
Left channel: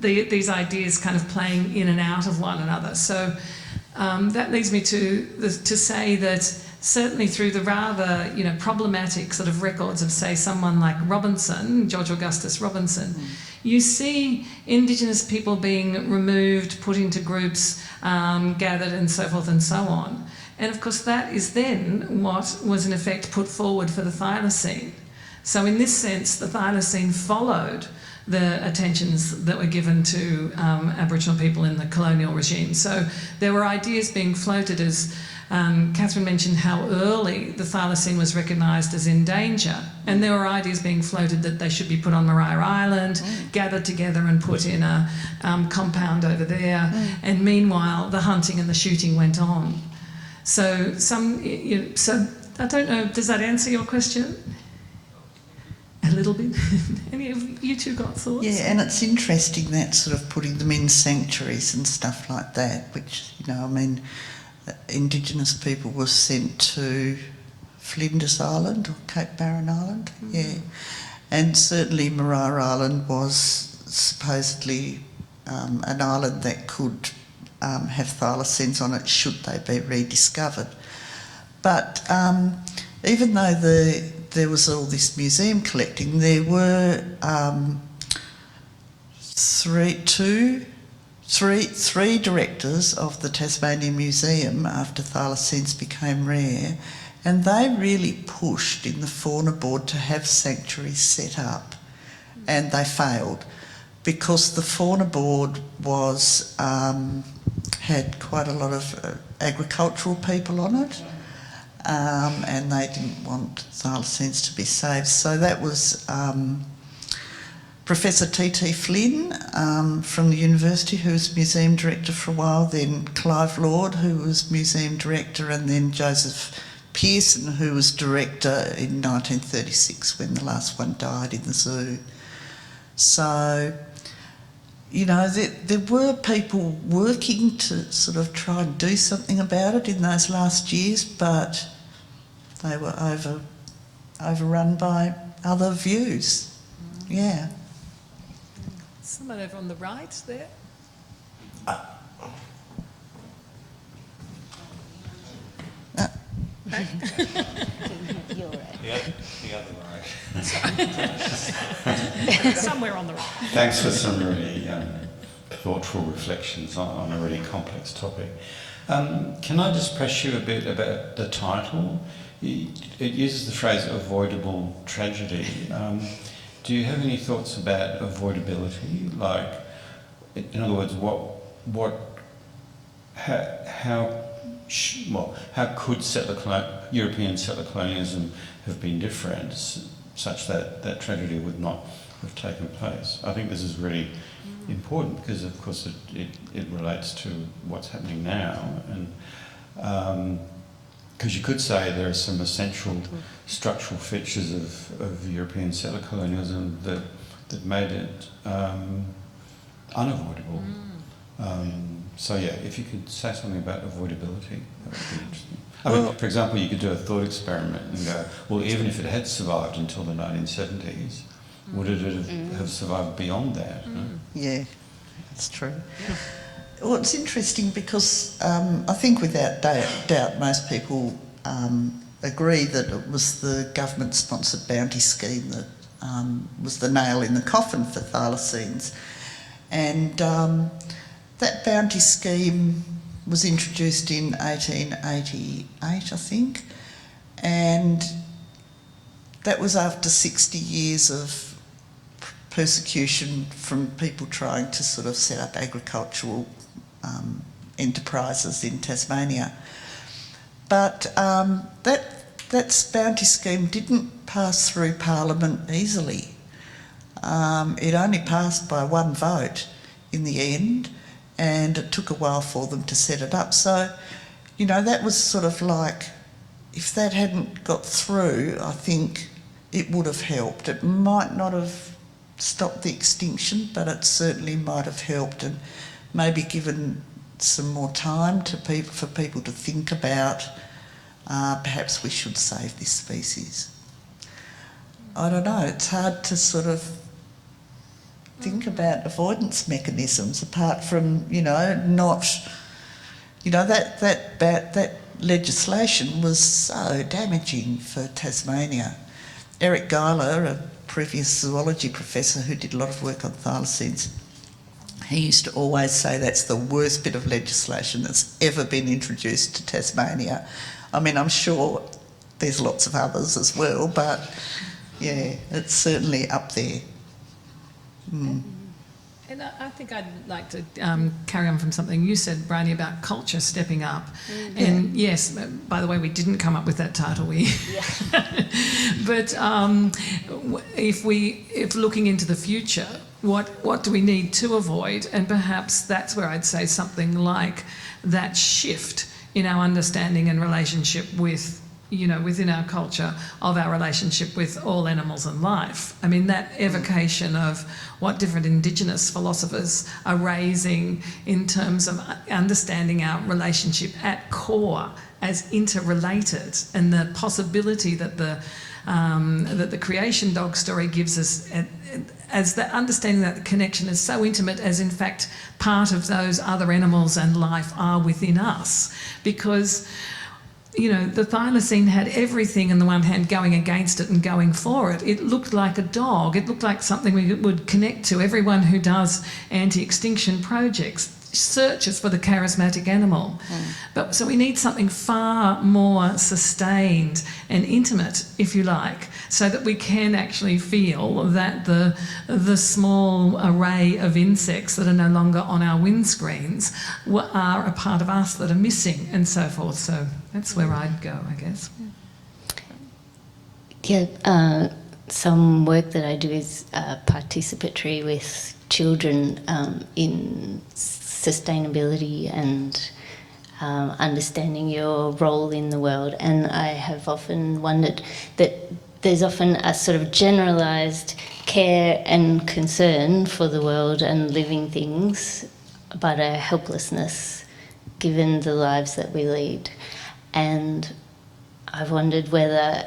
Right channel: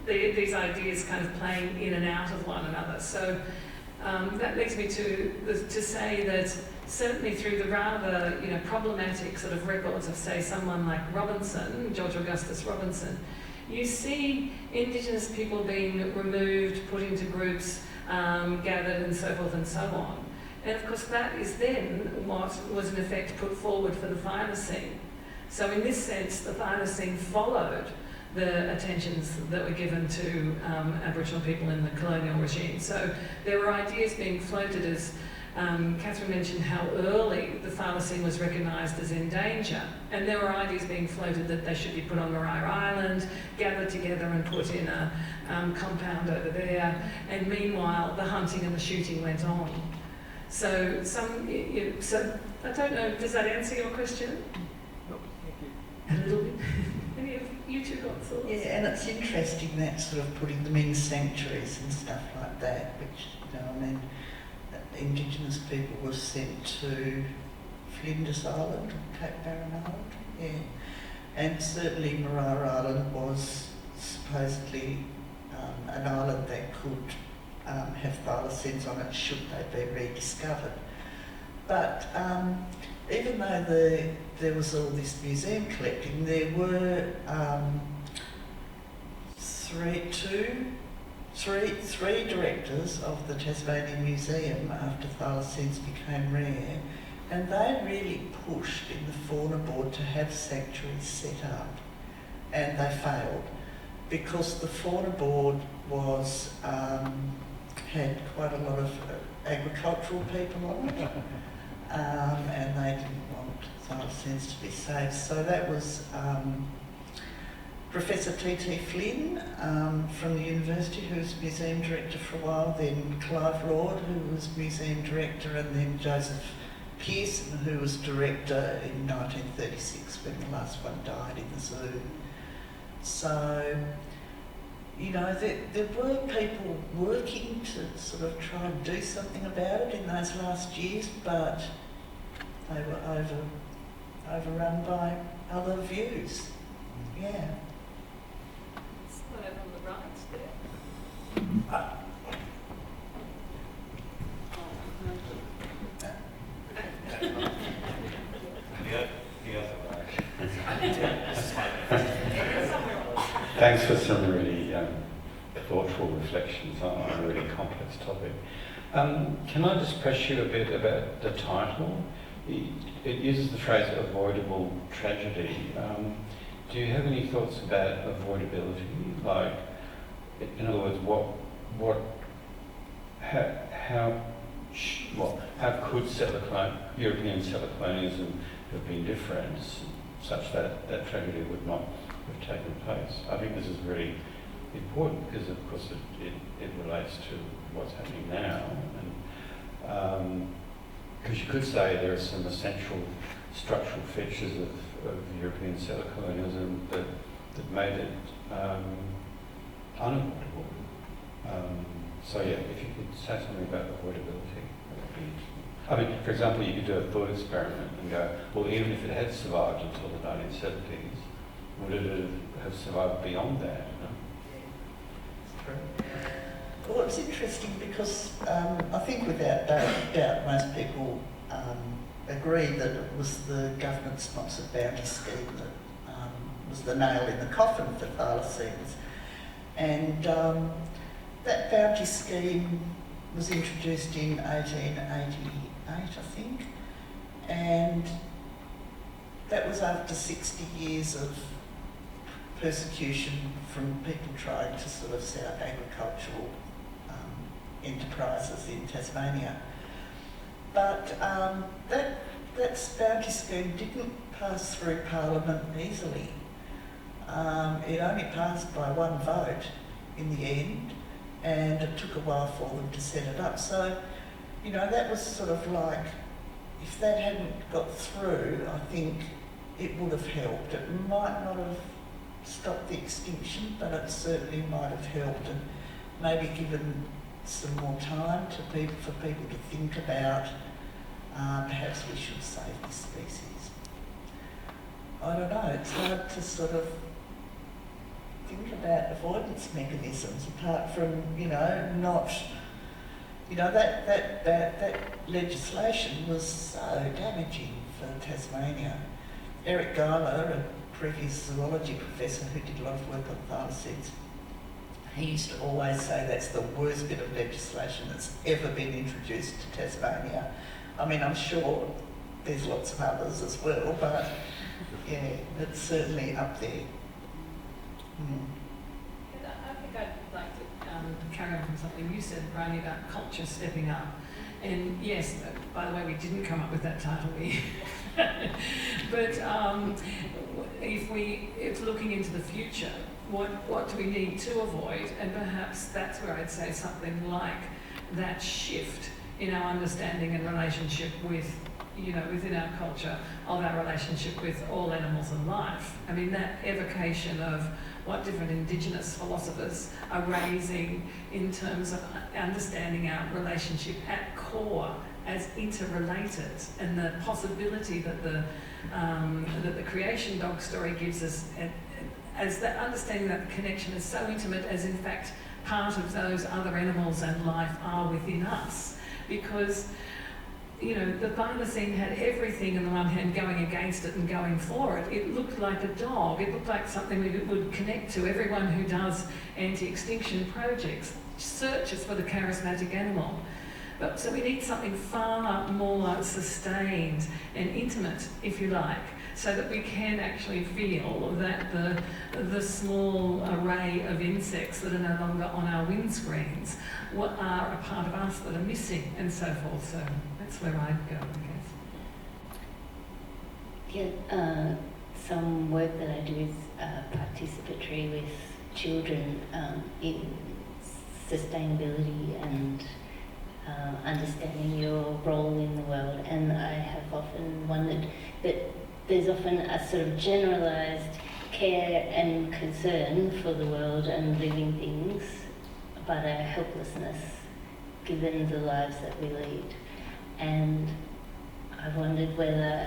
these ideas kind of playing in and out of one another. So that leads me to say that certainly through the rather problematic sort of records of, say, someone like Robinson, George Augustus Robinson, you see Indigenous people being removed, put into groups, gathered, and so forth and so on. And of course that is then what was in effect put forward for the Thylacine. So in this sense, the Thylacine followed the attentions that were given to Aboriginal people in the colonial regime. So there were ideas being floated, as Kathryn mentioned how early the Thylacine was recognised as in danger, and there were ideas being floated that they should be put on Maria Island, gathered together and put in a compound over there, and meanwhile the hunting and the shooting went on. So so I don't know, does that answer your question? A little bit. Any of you two got thoughts? Yeah, and it's interesting that sort of putting them in sanctuaries and stuff like that, which, Indigenous people were sent to Flinders Island or Cape Barren Island, and certainly Maria Island was supposedly an island that could have thylacines on it should they be rediscovered. But even though there was all this museum collecting, there were three directors of the Tasmanian Museum after thylacines became rare, and they really pushed in the fauna board to have sanctuaries set up, and they failed because the fauna board was had quite a lot of agricultural people on it, and they didn't want thylacines to be saved. So that was Professor T.T. Flynn from the university, who was museum director for a while, then Clive Lord, who was museum director, and then Joseph Pearson, who was director in 1936 when the last one died in the zoo. So, there were people working to sort of try and do something about it in those last years, but they were overrun by other views. Yeah. Someone over on the right there. The other way. Somewhere on the right. Thanks for some really thoughtful reflections on a really complex topic. Can I just press you a bit about the title? It uses the phrase avoidable tragedy. Do you have any thoughts about avoidability? Like, in other words, how could European settler colonialism have been different, such that that tragedy would not have taken place? I think this is really important because, of course, it relates to what's happening now, and because you could say there are some essential structural features of European settler colonialism that made it unavoidable. So yeah, if you could say something about avoidability, that would be interesting. I mean, for example, you could do a thought experiment and go, well, even if it had survived until the 1970s, would it have survived beyond that? Yeah, that's true. Well, it's interesting because I think without doubt most people agree that it was the government-sponsored bounty scheme that was the nail in the coffin for thylacines. And that bounty scheme was introduced in 1888, I think, and that was after 60 years of persecution from people trying to sort of set up agricultural enterprises in Tasmania. But that bounty scheme didn't pass through Parliament easily. It only passed by one vote in the end, and it took a while for them to set it up. So, you know, that was sort of like, if that hadn't got through, I think it would have helped. It might not have stopped the extinction, but it certainly might have helped and maybe given some more time to for people to think about perhaps we should save this species. I don't know, it's hard to sort of think about avoidance mechanisms apart from, you know, that legislation was so damaging for Tasmania. Eric Geiler, a previous zoology professor who did a lot of work on thylacines, he used to always say that's the worst bit of legislation that's ever been introduced to Tasmania. I mean, I'm sure there's lots of others as well, but yeah, it's certainly up there. Mm. And I think I'd like to carry on from something you said, Bryony, about culture stepping up. Mm-hmm. And yes, by the way, we didn't come up with that title, but if looking into the future, what do we need to avoid? And perhaps that's where I'd say something like that shift in our understanding and relationship with, you know, within our culture of our relationship with all animals and life. I mean, that evocation of what different Indigenous philosophers are raising in terms of understanding our relationship at core as interrelated, and the possibility that the creation dog story gives us, as that understanding that connection is so intimate as in fact part of those other animals and life are within us. Because, you know, the thylacine had everything on the one hand going against it and going for it. It looked like a dog. It looked like something we would connect to. Everyone who does anti-extinction projects searches for the charismatic animal. But so we need something far more sustained and intimate, if you like, so that we can actually feel that the small array of insects that are no longer on our windscreens are a part of us that are missing, and so forth. So that's where I'd go, I guess. Yeah, some work that I do is participatory with children in sustainability and understanding your role in the world. And I have often wondered that there's often a sort of generalised care and concern for the world and living things, but a helplessness given the lives that we lead. And I've wondered whether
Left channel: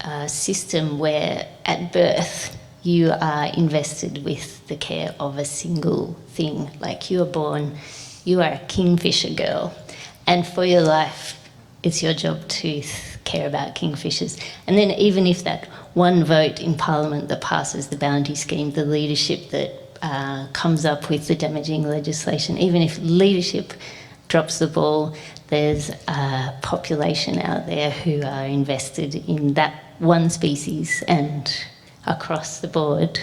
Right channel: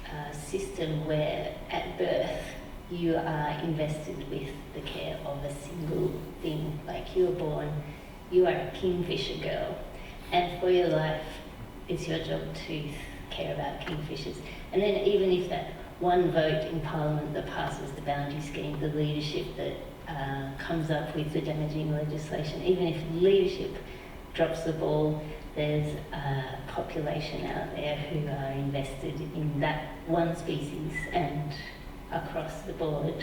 a system where at birth you are invested with the care of a single thing, like you are born, you are a kingfisher girl, and for your life it's your job to care about kingfishers. And then even if that one vote in Parliament that passes the bounty scheme, the leadership that comes up with the damaging legislation, even if leadership drops the ball, there's a population out there who are invested in that one species, and across the board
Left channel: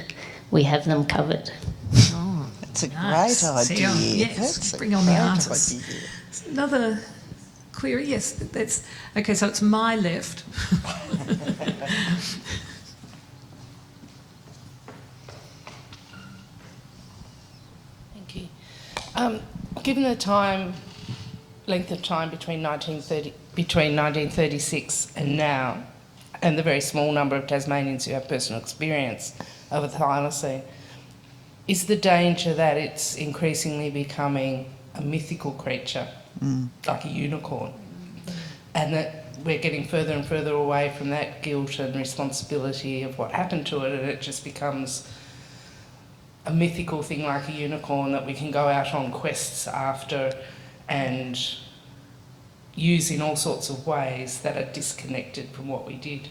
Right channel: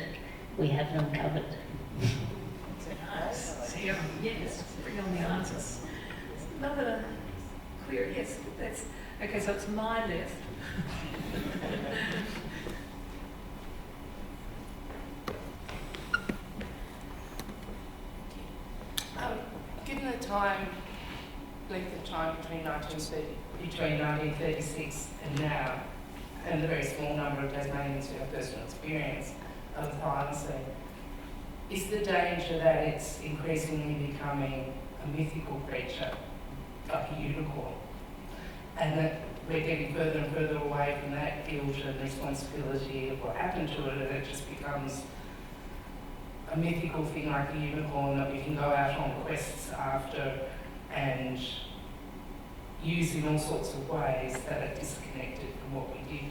we have them covered. Oh, That's a nice. great idea. Yes, That's bring on the great artists. idea. Another query, yes, that's okay. So it's my left. Thank you. Given the length of time between 1936 and now, and the very small number of Tasmanians who have personal experience of a thylacine, is the danger that it's increasingly becoming a mythical creature, Mm. like a unicorn. And that we're getting further and further away from that guilt and responsibility of what happened to it, and it just becomes a mythical thing like a unicorn that we can go out on quests after and use in all sorts of ways that are disconnected from what we did.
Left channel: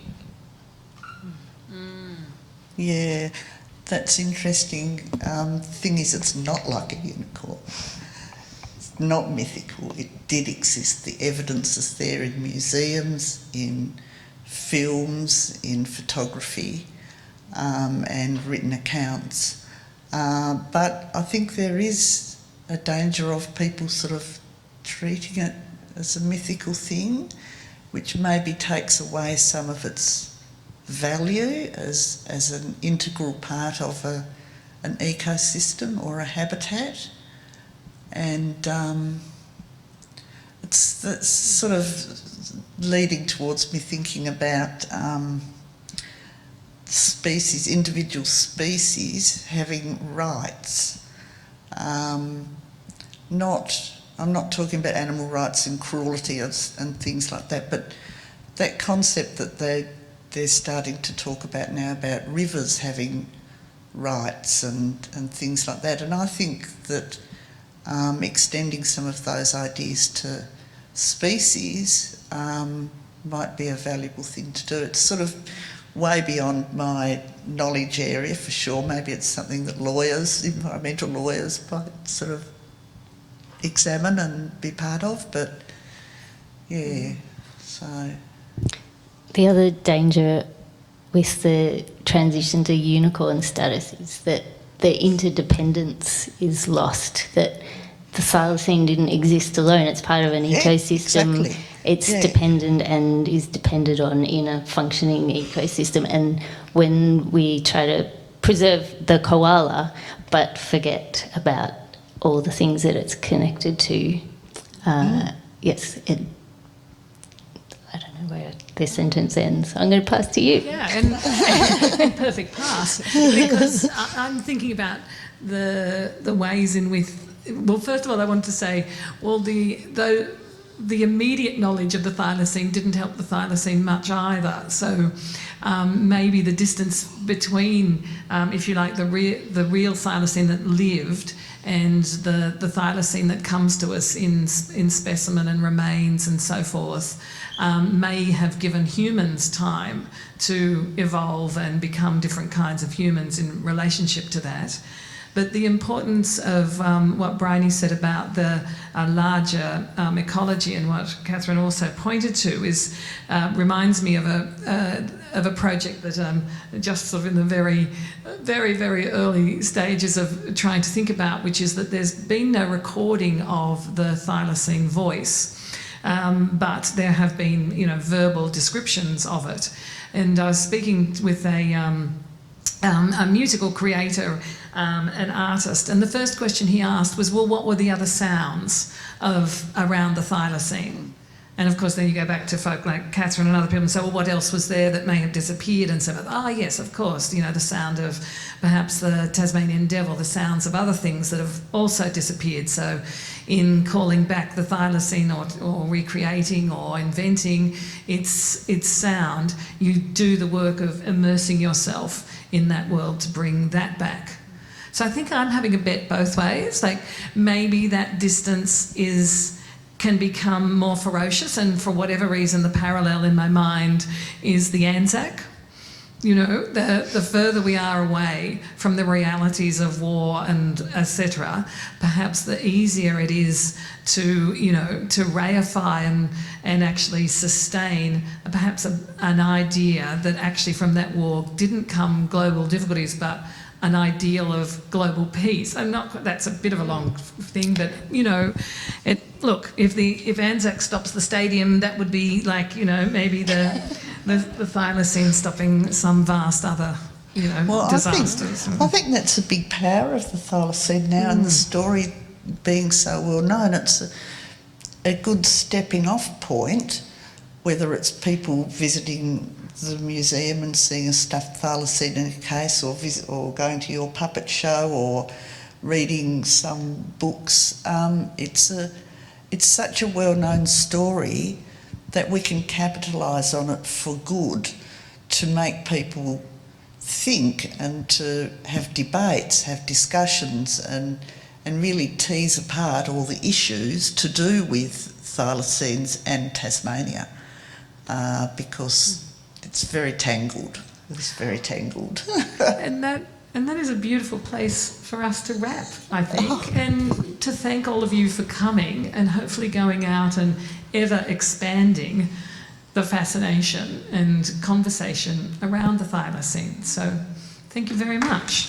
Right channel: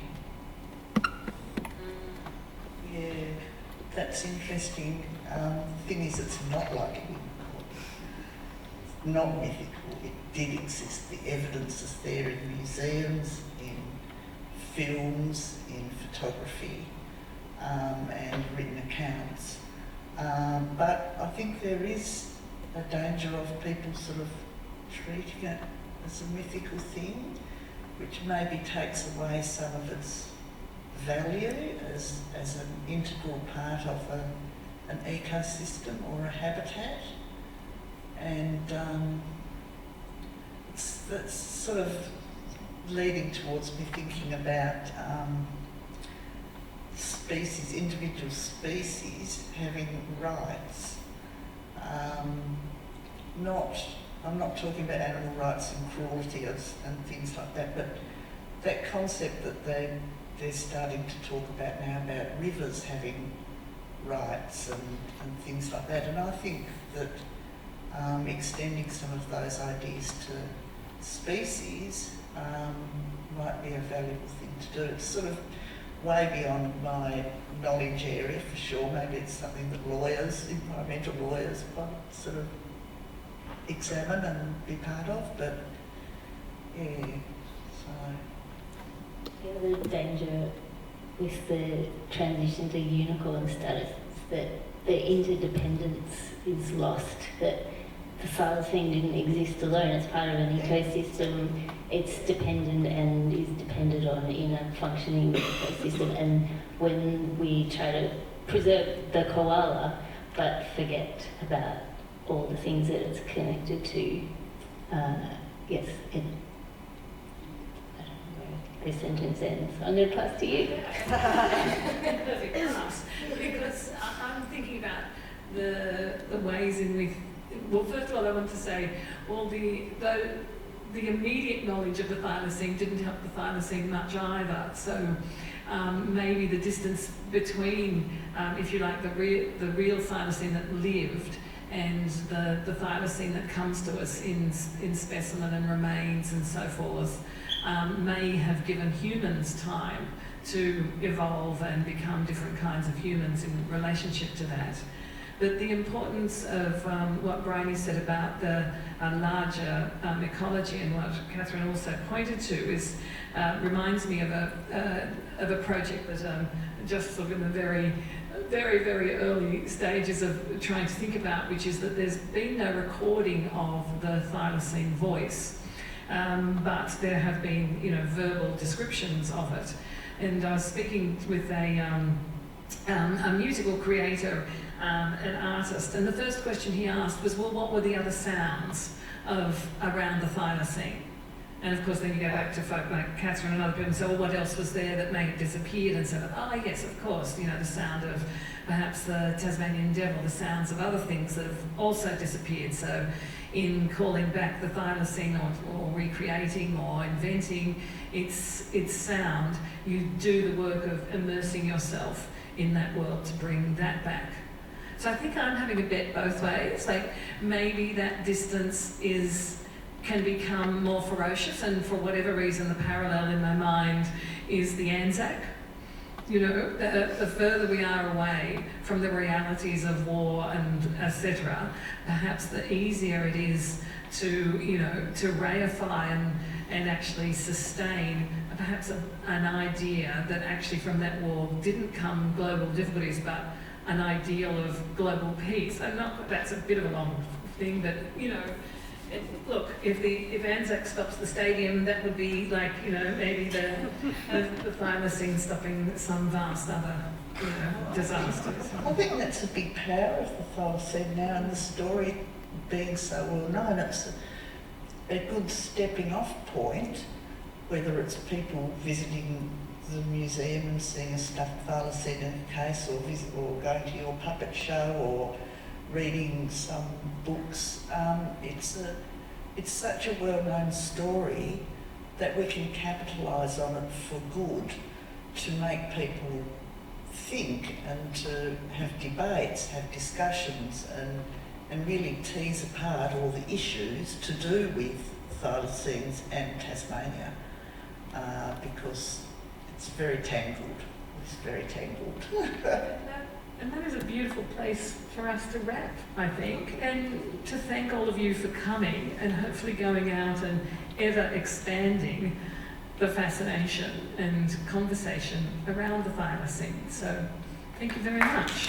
Yeah, that's interesting. Thing is, it's not like a unicorn. It's not mythical. It did exist. The evidence is there in museums, in films, in photography, and written accounts. But I think there is a danger of people sort of treating it as a mythical thing, which maybe takes away some of its value as an integral part of an ecosystem or a habitat. And it's sort of leading towards me thinking about species, individual species having rights. I'm not talking about animal rights and cruelty and things like that, but that concept that they're starting to talk about now about rivers having rights and things like that. And I think that extending some of those ideas to species might be a valuable thing to do. It's sort of way beyond my knowledge area for sure. Maybe it's something that lawyers, environmental lawyers, might sort of examine and be part of, but yeah, so... The other danger with the transition to unicorn status is that the interdependence is lost, that the thylacine didn't exist alone. It's part of an ecosystem. Exactly. It's dependent and is depended on in a functioning ecosystem. And when we try to preserve the koala but forget about all the things that it's connected to, yes, I don't know where this sentence ends. I'm going to pass to you. Yeah, and perfect pass, because I'm thinking about the ways in which. Well, first of all, I want to say, well, the immediate knowledge of the thylacine didn't help the thylacine much either. So maybe the distance between, if you like, the real thylacine that lived and the thylacine that comes to us in specimen and remains and so forth may have given humans time to evolve and become different kinds of humans in relationship to that. But the importance of what Bryony said about the larger ecology and what Kathryn also pointed to is reminds me of a project that just sort of in the very, very early stages of trying to think about, which is that there's been no recording of the thylacine voice, but there have been, verbal descriptions of it. And I was speaking with a musical creator, an artist, and the first question he asked was, well, what were the other sounds around the thylacine? And of course then you go back to folk like Kathryn and other people and say, well, what else was there that may have disappeared? And so, yes, of course, the sound of perhaps the Tasmanian devil, the sounds of other things that have also disappeared. So in calling back the thylacine or recreating or inventing its sound, you do the work of immersing yourself in that world to bring that back. So I think I'm having a bet both ways. Like maybe that distance can become more ferocious, and for whatever reason the parallel in my mind is the Anzac. The further we are away from the realities of war and etc., perhaps the easier it is to reify and actually sustain perhaps an idea that actually from that war didn't come global difficulties, but an ideal of global peace. That's a bit of a long thing, but if Anzac stops the stadium, that would be like maybe the thylacine stopping some vast other disasters. I think that's a big power of the thylacine now, and the story being so well known. It's a good stepping off point, whether it's people visiting the museum and seeing a stuffed thylacine in a case, or going to your puppet show, or reading some books. It's such a well-known story that we can capitalise on it for good, to make people think and to have debates, have discussions, and really tease apart all the issues to do with thylacines and Tasmania, because it's very tangled. It's very tangled. And that is a beautiful place for us to wrap, I think, and to thank all of you for coming and hopefully going out and ever expanding the fascination and conversation around the thylacine. So thank you very much.